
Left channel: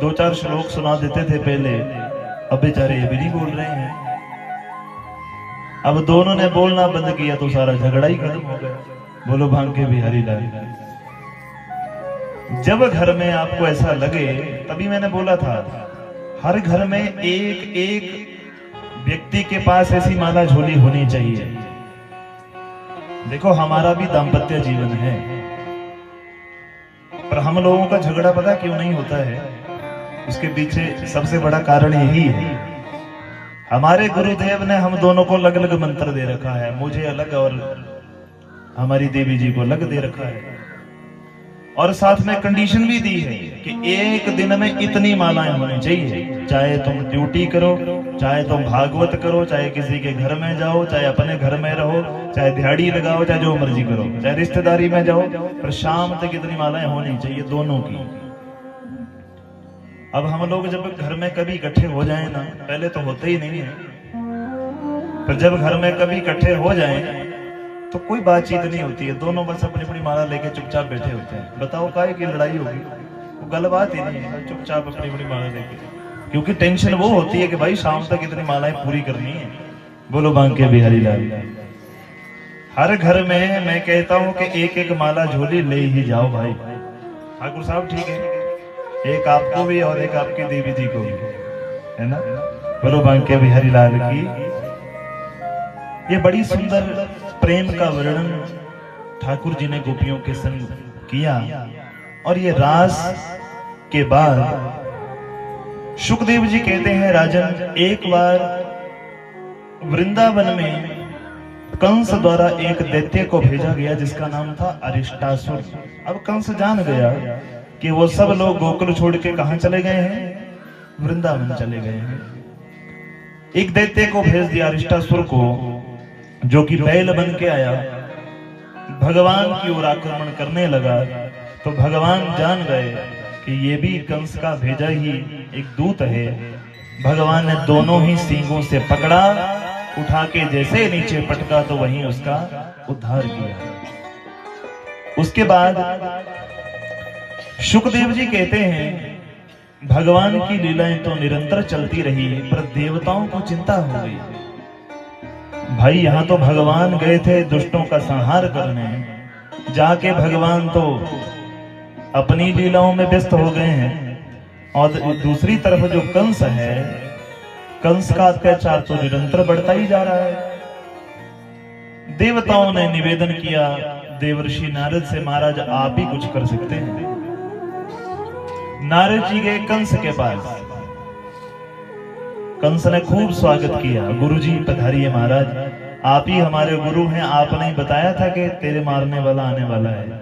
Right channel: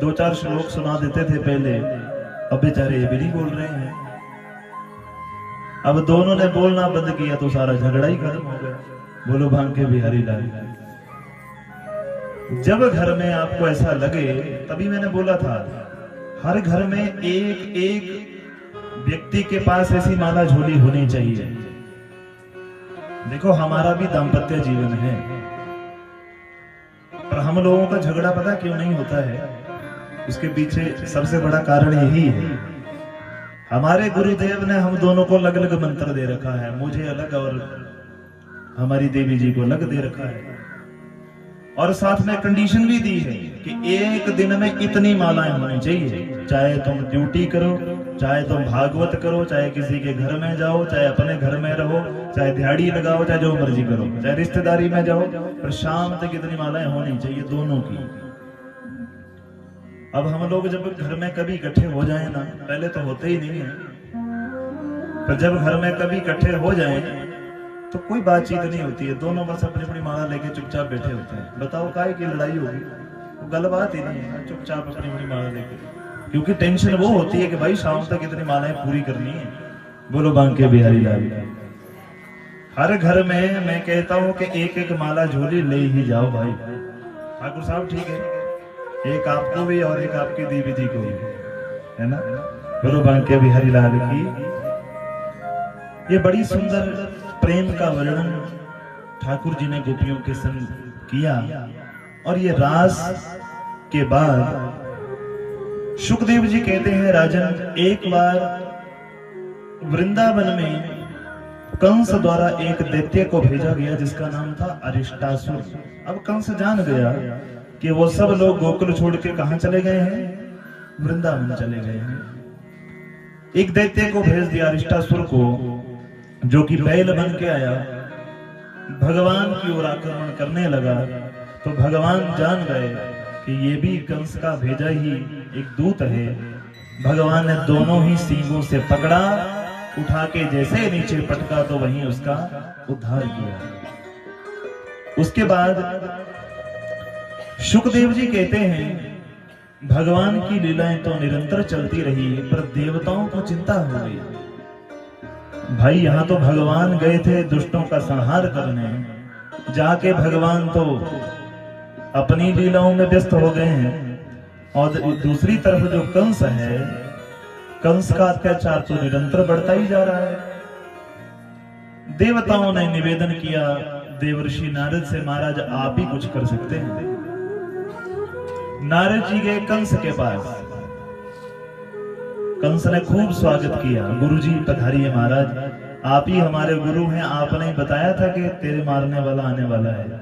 2-4 श्लोक सुना देते थे पहले, अब बेचारे ये भी नहीं बोल रहे हैं। अब दोनों ने बोलना बंद किया तो सारा झगड़ा ही खत्म हो गया। बोलो भांगे बिहारी लाल। जब घर में आपको ऐसा लगे, तभी मैंने बोला था हर घर में एक एक व्यक्ति के पास ऐसी माला झोली होनी चाहिए। देखो हमारा भी दाम्पत्य जीवन है, पर हम लोगों का झगड़ा पता क्यों नहीं होता है? उसके पीछे सबसे बड़ा कारण यही है, हमारे गुरुदेव ने हम दोनों को अलग अलग मंत्र दे रखा है, मुझे अलग और हमारी देवी जी को अलग दे रखा है, और साथ में कंडीशन भी दी है कि एक दिन में इतनी मालाएं होनी चाहिए। चाहे तुम ड्यूटी करो, चाहे तुम भागवत करो, चाहे किसी के घर में जाओ, चाहे अपने घर में रहो, चाहे दिहाड़ी लगाओ, चाहे जो मर्जी करो, चाहे रिश्तेदारी में जाओ, पर शाम तक इतनी मालाएं होनी चाहिए दोनों की। अब हम लोग जब घर में कभी इकट्ठे हो जाए ना, पहले तो होते ही नहीं है, पर जब घर में कभी इकट्ठे हो जाए तो कोई बातचीत नहीं होती है, दोनों बस अपनी अपनी माला लेके चुपचाप बैठे होते हैं। बताओ काहे की लड़ाई होगी? वो गल बात ही नहीं है, चुपचाप अपनी अपनी माला लेके, क्योंकि टेंशन वो होती है कि भाई शाम तक इतनी मालाएं पूरी करनी है। बोलो बांके बिहारी लाल। हर घर में मैं कहता हूं कि एक एक माला झोली ले ही जाओ भाई। ठाकुर साहब ठीक है, एक आपको भी और एक आपकी देवी जी को भी, है ना? बोलो बांके बिहारी लाल की। ये बड़ी सुंदर प्रेम का वर्णन ठाकुर जी ने गोपियों के संग किया, और ये रास के बाद शुकदेव जी कहते हैं, राजन एक बार वृंदावन में कंस द्वारा एक दैत्य को भेजा गया जिसका नाम था अरिष्टासुर। अब कंस जान गया कि वो सब लोग गोकुल छोड़ के कहां चले गए हैं? वृंदावन चले गए हैं। एक दैत्य को भेज दिया अरिष्टासुर को, जो कि बैल बन के आया, भगवान की ओर आक्रमण करने लगा। तो भगवान जान गए कि ये भी कंस का भेजा ही एक दूत है। भगवान ने दोनों ही सींगों से पकड़ा, उठा के जैसे नीचे पटका तो वहीं उसका उद्धार किया। उसके बाद शुकदेव जी कहते हैं, भगवान की लीलाएं तो निरंतर चलती रही, पर देवताओं को चिंता हो गई। भाई यहां तो भगवान गए थे दुष्टों का संहार करने, जाके भगवान तो अपनी लीलाओं में व्यस्त हो गए हैं, और दूसरी तरफ जो कंस है, कंस का अत्याचार तो निरंतर बढ़ता ही जा रहा है। देवताओं ने निवेदन किया देवर्षि नारद से, महाराज आप ही कुछ कर सकते हैं। नारद जी गए कंस के पास। कंस ने खूब स्वागत किया, गुरुजी पधारिए महाराज, आप ही हमारे गुरु हैं, आपने ही बताया था कि तेरे मारने वाला आने वाला है।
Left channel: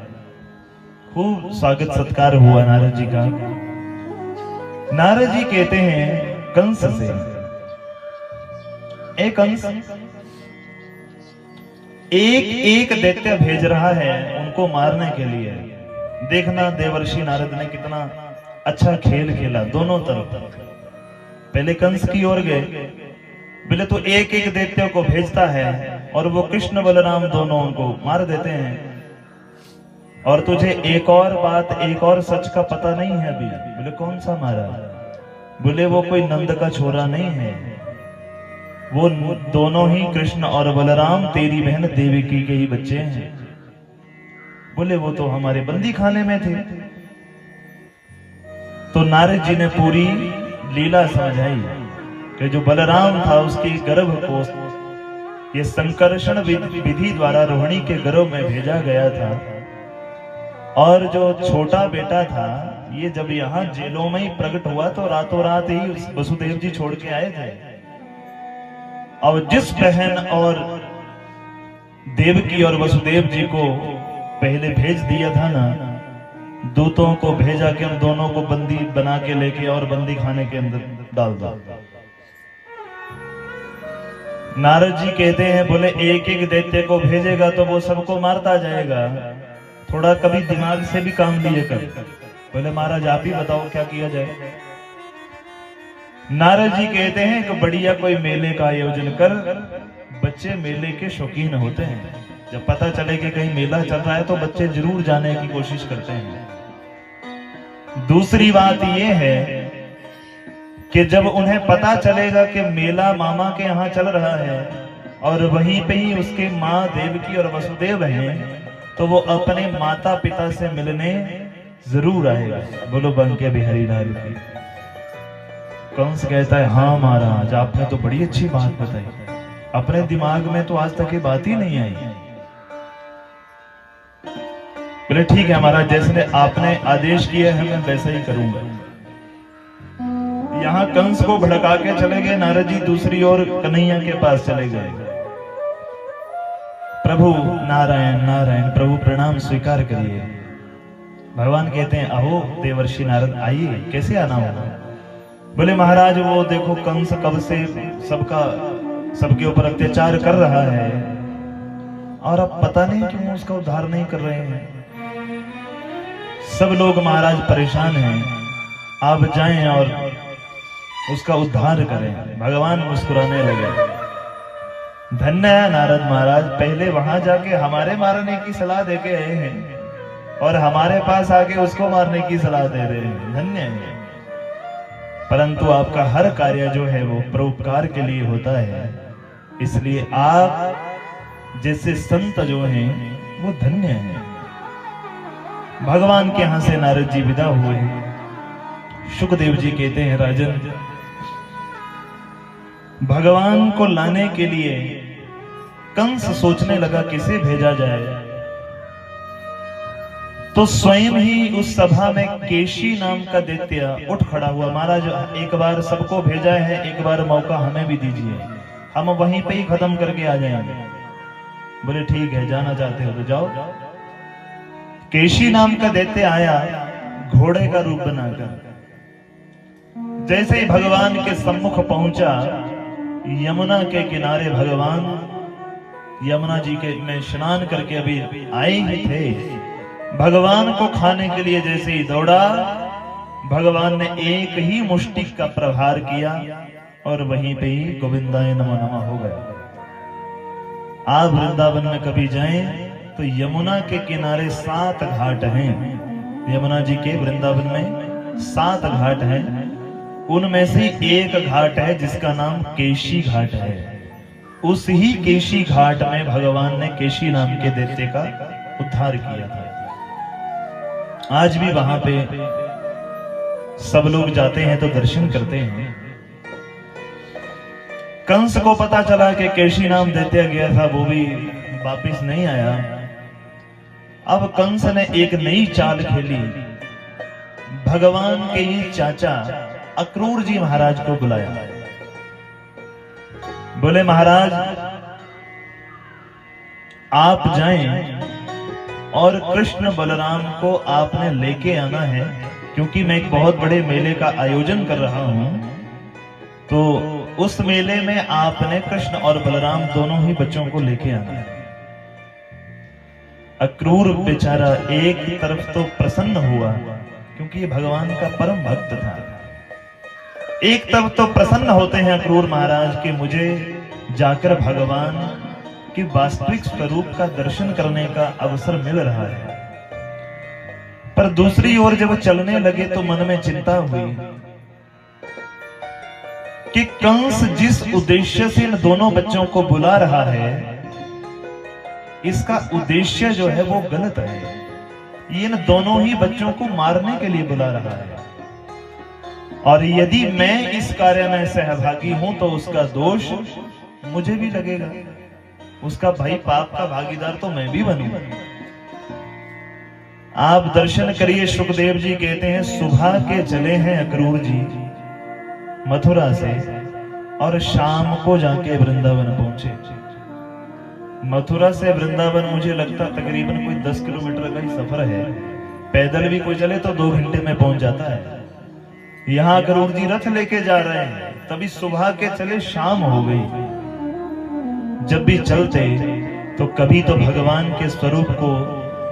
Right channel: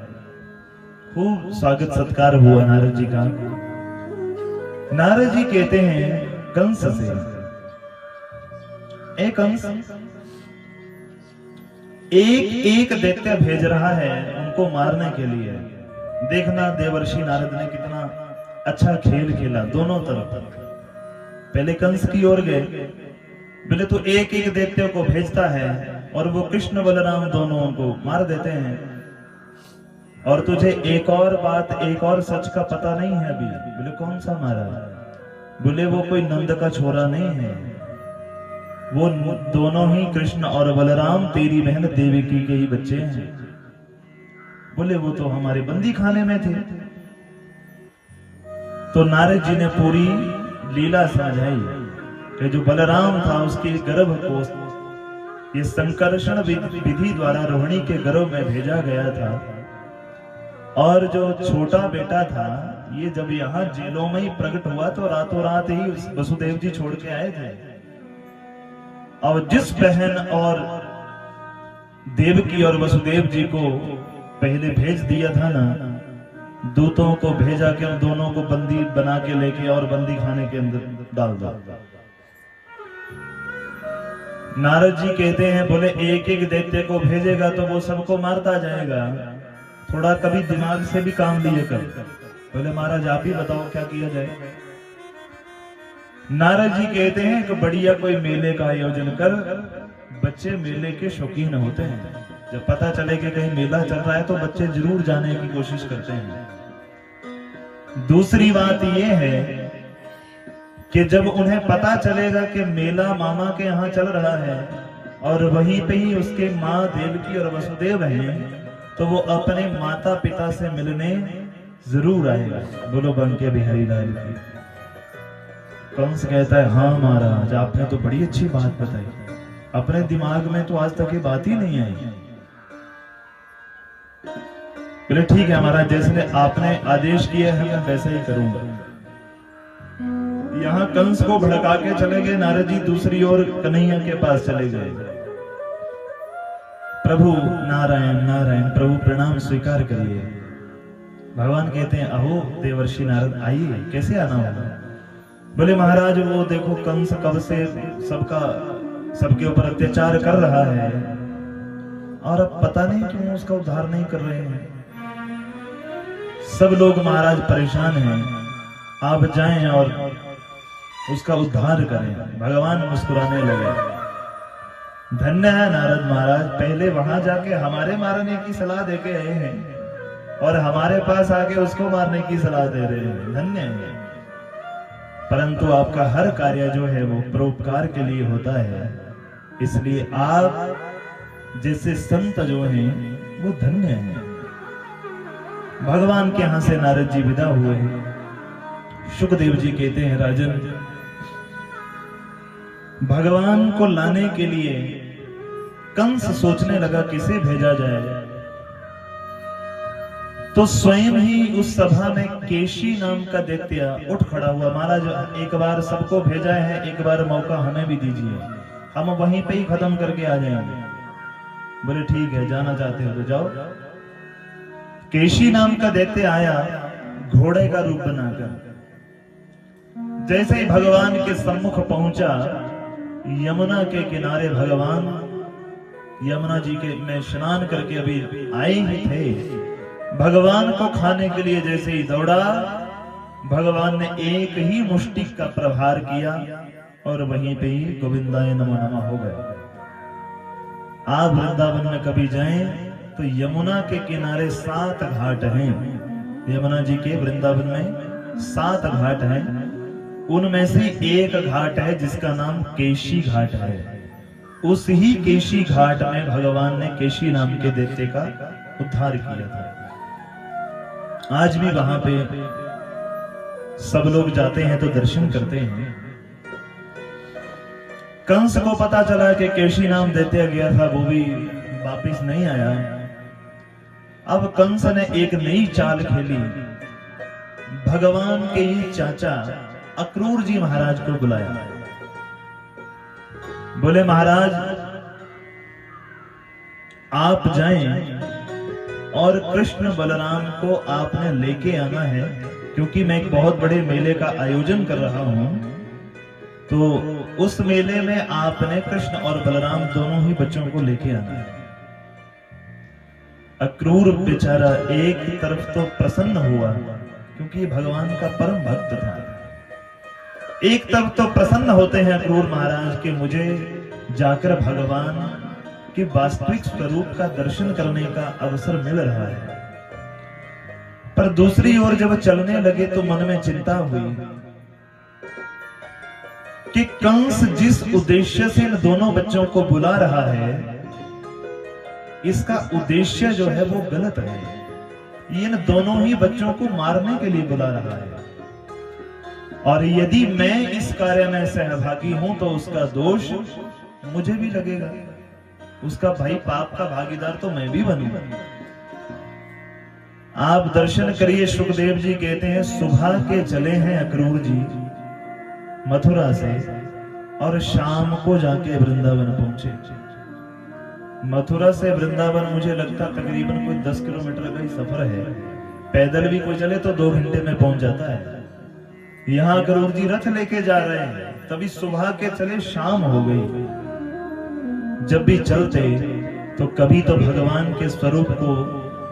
खूब स्वागत सत्कार हुआ नारद जी का। नारद जी कहते हैं कंस से, ए कंस, एक एक दैत्य भेज रहा है उनको मारने के लिए। देखना देवर्षि नारद ने कितना अच्छा खेल खेला दोनों तरफ। पहले कंस की ओर गए, बोले तो एक एक दैत्य को भेजता है और वो कृष्ण बलराम दोनों को मार देते हैं, और तुझे एक और बात, एक और सच का पता नहीं है अभी। बोले कौन सा मारा? बोले वो कोई नंद का छोरा नहीं है, वो दोनों ही कृष्ण और बलराम तेरी बहन देवकी के ही बच्चे हैं। बोले वो तो हमारे बंदी खाने में थे। तो नारद जी ने पूरी लीला समझाई कि जो बलराम था उसके गर्भ को ये संकर्षण विधि द्वारा रोहिणी के गर्भ में भेजा गया था, और जो छोटा बेटा था ये जब यहाँ जेलों में ही प्रकट हुआ तो रातों रात ही वसुदेव जी छोड़ के आए थे। अब जिस बहन और देवकी और वसुदेव जी को पहले भेज दिया था ना, दूतों को भेजा कि उन दोनों को बंदी बना के लेके और बंदी खाने के अंदर डाल दो। नारद जी कहते हैं, बोले एक एक दैत्य को भेजेगा तो वो सबको मारता जाएगा, थोड़ा कभी दिमाग से भी काम लिए कर। बोले महाराज आप ही बताओ क्या किया जाए। नारद जी कहते हैं कि बढ़िया कोई मेले का आयोजन कर, बच्चे मेले के शौकीन होते हैं, जब पता चले कि कहीं मेला चल रहा है तो बच्चे जरूर जाने की कोशिश करते हैं। दूसरी बात यह है कि जब उन्हें पता चलेगा कि मेला मामा के यहाँ चल रहा है और वहीं पे ही उसके माँ देवकी और वसुदेव हैं, तो वो अपने माता पिता से मिलने जरूर आएगा। बोलो बंके बिहारी लाल की। कंस कहता है, हाँ महाराज, आपने तो बड़ी अच्छी बात बताई, अपने दिमाग में तो आज तक ये बात ही नहीं आई। बोले ठीक है महाराज, जैसे आपने आदेश किया है मैं वैसा ही करूंगा। यहां कंस को भड़का के चले गए नारद जी, दूसरी ओर कन्हैया के पास चले गए। प्रभु नारायण नारायण, प्रभु प्रणाम स्वीकार करिए। भगवान कहते हैं, अहो देवर्षि नारद, आइए, कैसे आना होगा? बोले महाराज, वो देखो कंस कब से सबके ऊपर अत्याचार कर रहा है और अब पता नहीं क्यों उसका उद्धार नहीं कर रहे हैं। सब लोग महाराज परेशान हैं, आप जाएं और उसका उद्धार करें। भगवान मुस्कुराने लगे। धन्य है नारद महाराज, पहले वहां जाके हमारे मारने की सलाह देके आए हैं और हमारे पास आके उसको मारने की सलाह दे रहे हैं। धन्य है। परंतु आपका हर कार्य जो है वो परोपकार के लिए होता है, इसलिए आप जैसे संत जो हैं वो धन्य हैं। भगवान के यहां से नारद जी विदा हुए। शुकदेव जी कहते हैं, राजन, भगवान को लाने के लिए कंस सोचने लगा किसे भेजा जाए, तो स्वयं ही उस सभा में केशी नाम का दैत्य उठ खड़ा हुआ। महाराज, एक बार सबको भेजा है, एक बार मौका हमें भी दीजिए, हम वहीं पे ही खत्म करके आ जाएंगे। बोले ठीक है, जाना चाहते हो तो जाओ। केशी नाम का दैत्य आया घोड़े का रूप बनाकर। जैसे ही भगवान के सम्मुख पहुंचा, यमुना के किनारे भगवान यमुना जी के में स्नान करके अभी आए ही थे। भगवान को खाने के लिए जैसे ही दौड़ा, भगवान ने एक ही मुष्टि का प्रहार किया और वहीं पे ही गोविंदाय नमः नमः हो गया। आप वृंदावन में कभी जाएं तो यमुना के किनारे 7 घाट हैं। यमुना जी के वृंदावन में 7 घाट हैं, उनमें से एक घाट है जिसका नाम केशी घाट है। उस ही केशी घाट में भगवान ने केशी नाम के दैत्य का उद्धार किया था। आज भी वहां पे सब लोग जाते हैं तो दर्शन करते हैं। कंस को पता चला कि केशी नाम दैत्य गया था, वो भी वापिस नहीं आया। अब कंस ने एक नई चाल खेली। भगवान के ही चाचा अक्रूर जी महाराज को बुलाया। बोले महाराज, आप जाएं और कृष्ण बलराम को आपने लेके आना है, क्योंकि मैं एक बहुत बड़े मेले का आयोजन कर रहा हूं, तो उस मेले में आपने कृष्ण और बलराम दोनों ही बच्चों को लेके आना है। अक्रूर बेचारा एक तरफ तो प्रसन्न हुआ, क्योंकि ये भगवान का परम भक्त था। एक तरफ तो प्रसन्न होते हैं अक्रूर महाराज कि मुझे जाकर भगवान के वास्तविक स्वरूप का दर्शन करने का अवसर मिल रहा है। पर दूसरी ओर जब चलने लगे तो मन में चिंता हुई कि कंस जिस उद्देश्य से इन दोनों बच्चों को बुला रहा है, इसका उद्देश्य जो है वो गलत है। ये इन दोनों ही बच्चों को मारने के लिए बुला रहा है, और यदि मैं इस कार्य में सहभागी हूं तो उसका दोष मुझे भी लगेगा। उसका भाई पाप का भागीदार तो मैं भी बनूंगा। आप दर्शन करिए। शुकदेव जी कहते हैं, सुबह के चले हैं अक्रूर जी मथुरा से और शाम को जाके वृंदावन पहुंचे। मथुरा से वृंदावन मुझे लगता तकरीबन कोई 10 किलोमीटर का ही सफर है। पैदल भी कोई चले तो 2 घंटे में पहुंच जाता है। यहां अक्रूर जी रथ लेके जा रहे हैं, तभी सुबह के चले शाम हो गई। जब भी चलते तो कभी तो भगवान के स्वरूप को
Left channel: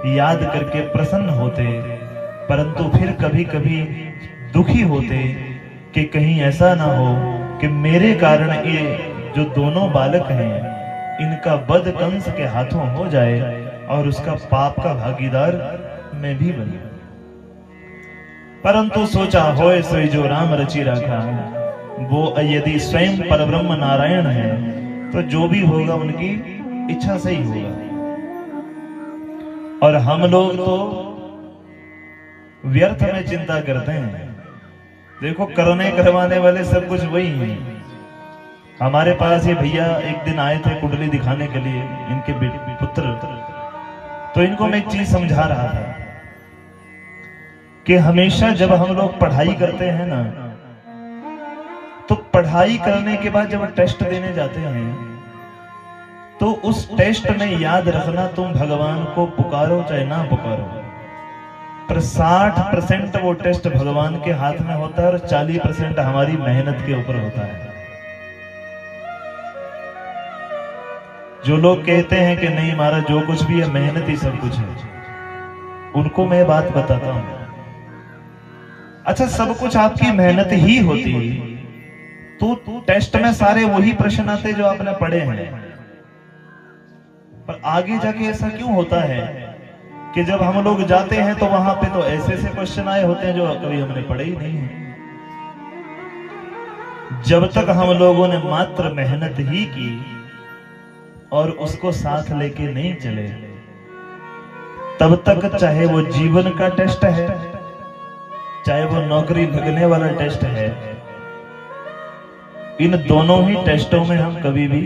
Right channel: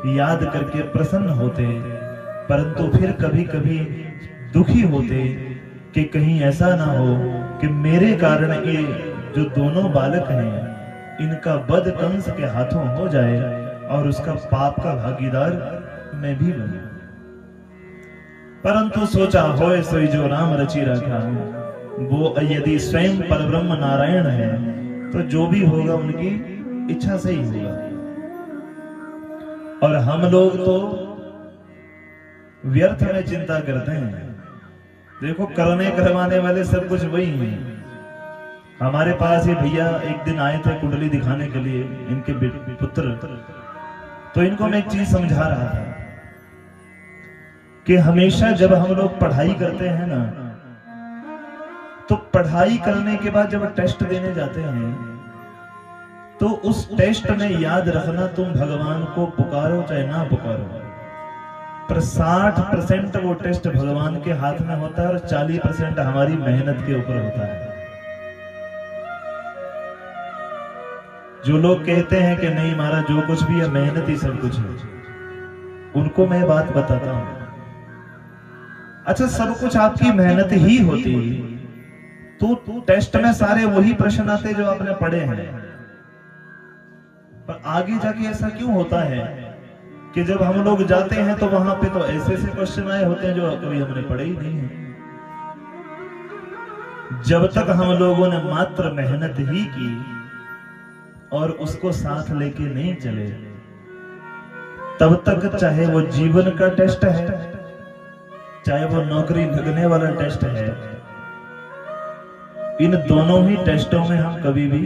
याद करके प्रसन्न होते, परंतु फिर कभी कभी दुखी होते कि कहीं ऐसा ना हो कि मेरे कारण ये जो दोनों बालक हैं इनका वध कंस के हाथों हो जाए और उसका पाप का भागीदार मैं भी बनूं। परंतु सोचा होए सोई जो राम रचि रखा, वो यदि स्वयं परब्रह्म नारायण है तो जो भी होगा उनकी इच्छा से ही होगा। और हम लोग तो व्यर्थ में चिंता करते हैं। देखो करने करवाने वाले सब कुछ वही हैं। हमारे पास ये भैया एक दिन आए थे कुंडली दिखाने के लिए, इनके पुत्र। तो इनको मैं एक चीज समझा रहा था कि हमेशा जब हम लोग पढ़ाई करते हैं ना, तो पढ़ाई करने के बाद जब टेस्ट देने जाते हैं तो उस टेस्ट में याद रखना, तुम भगवान को पुकारो चाहे ना पुकारो, पर 60% वो टेस्ट भगवान के हाथ में होता है और 40% हमारी मेहनत के ऊपर होता है। जो लोग कहते हैं कि नहीं महाराज जो कुछ भी है मेहनत ही सब कुछ है, उनको मैं बात बताता हूं। अच्छा, सब कुछ आपकी मेहनत ही होती तो टेस्ट में सारे वही प्रश्न आते जो आपने पढ़े हैं। पर आगे जाके ऐसा क्यों होता है कि जब हम लोग जाते हैं तो वहां पे तो ऐसे ऐसे क्वेश्चन आए होते हैं जो कभी हमने पढ़े ही नहीं है। जब तक हम लोगों ने मात्र मेहनत ही की और उसको साथ लेके नहीं चले, तब तक चाहे वो जीवन का टेस्ट है, चाहे वो नौकरी लगने वाला टेस्ट है, इन दोनों ही टेस्टों में हम कभी भी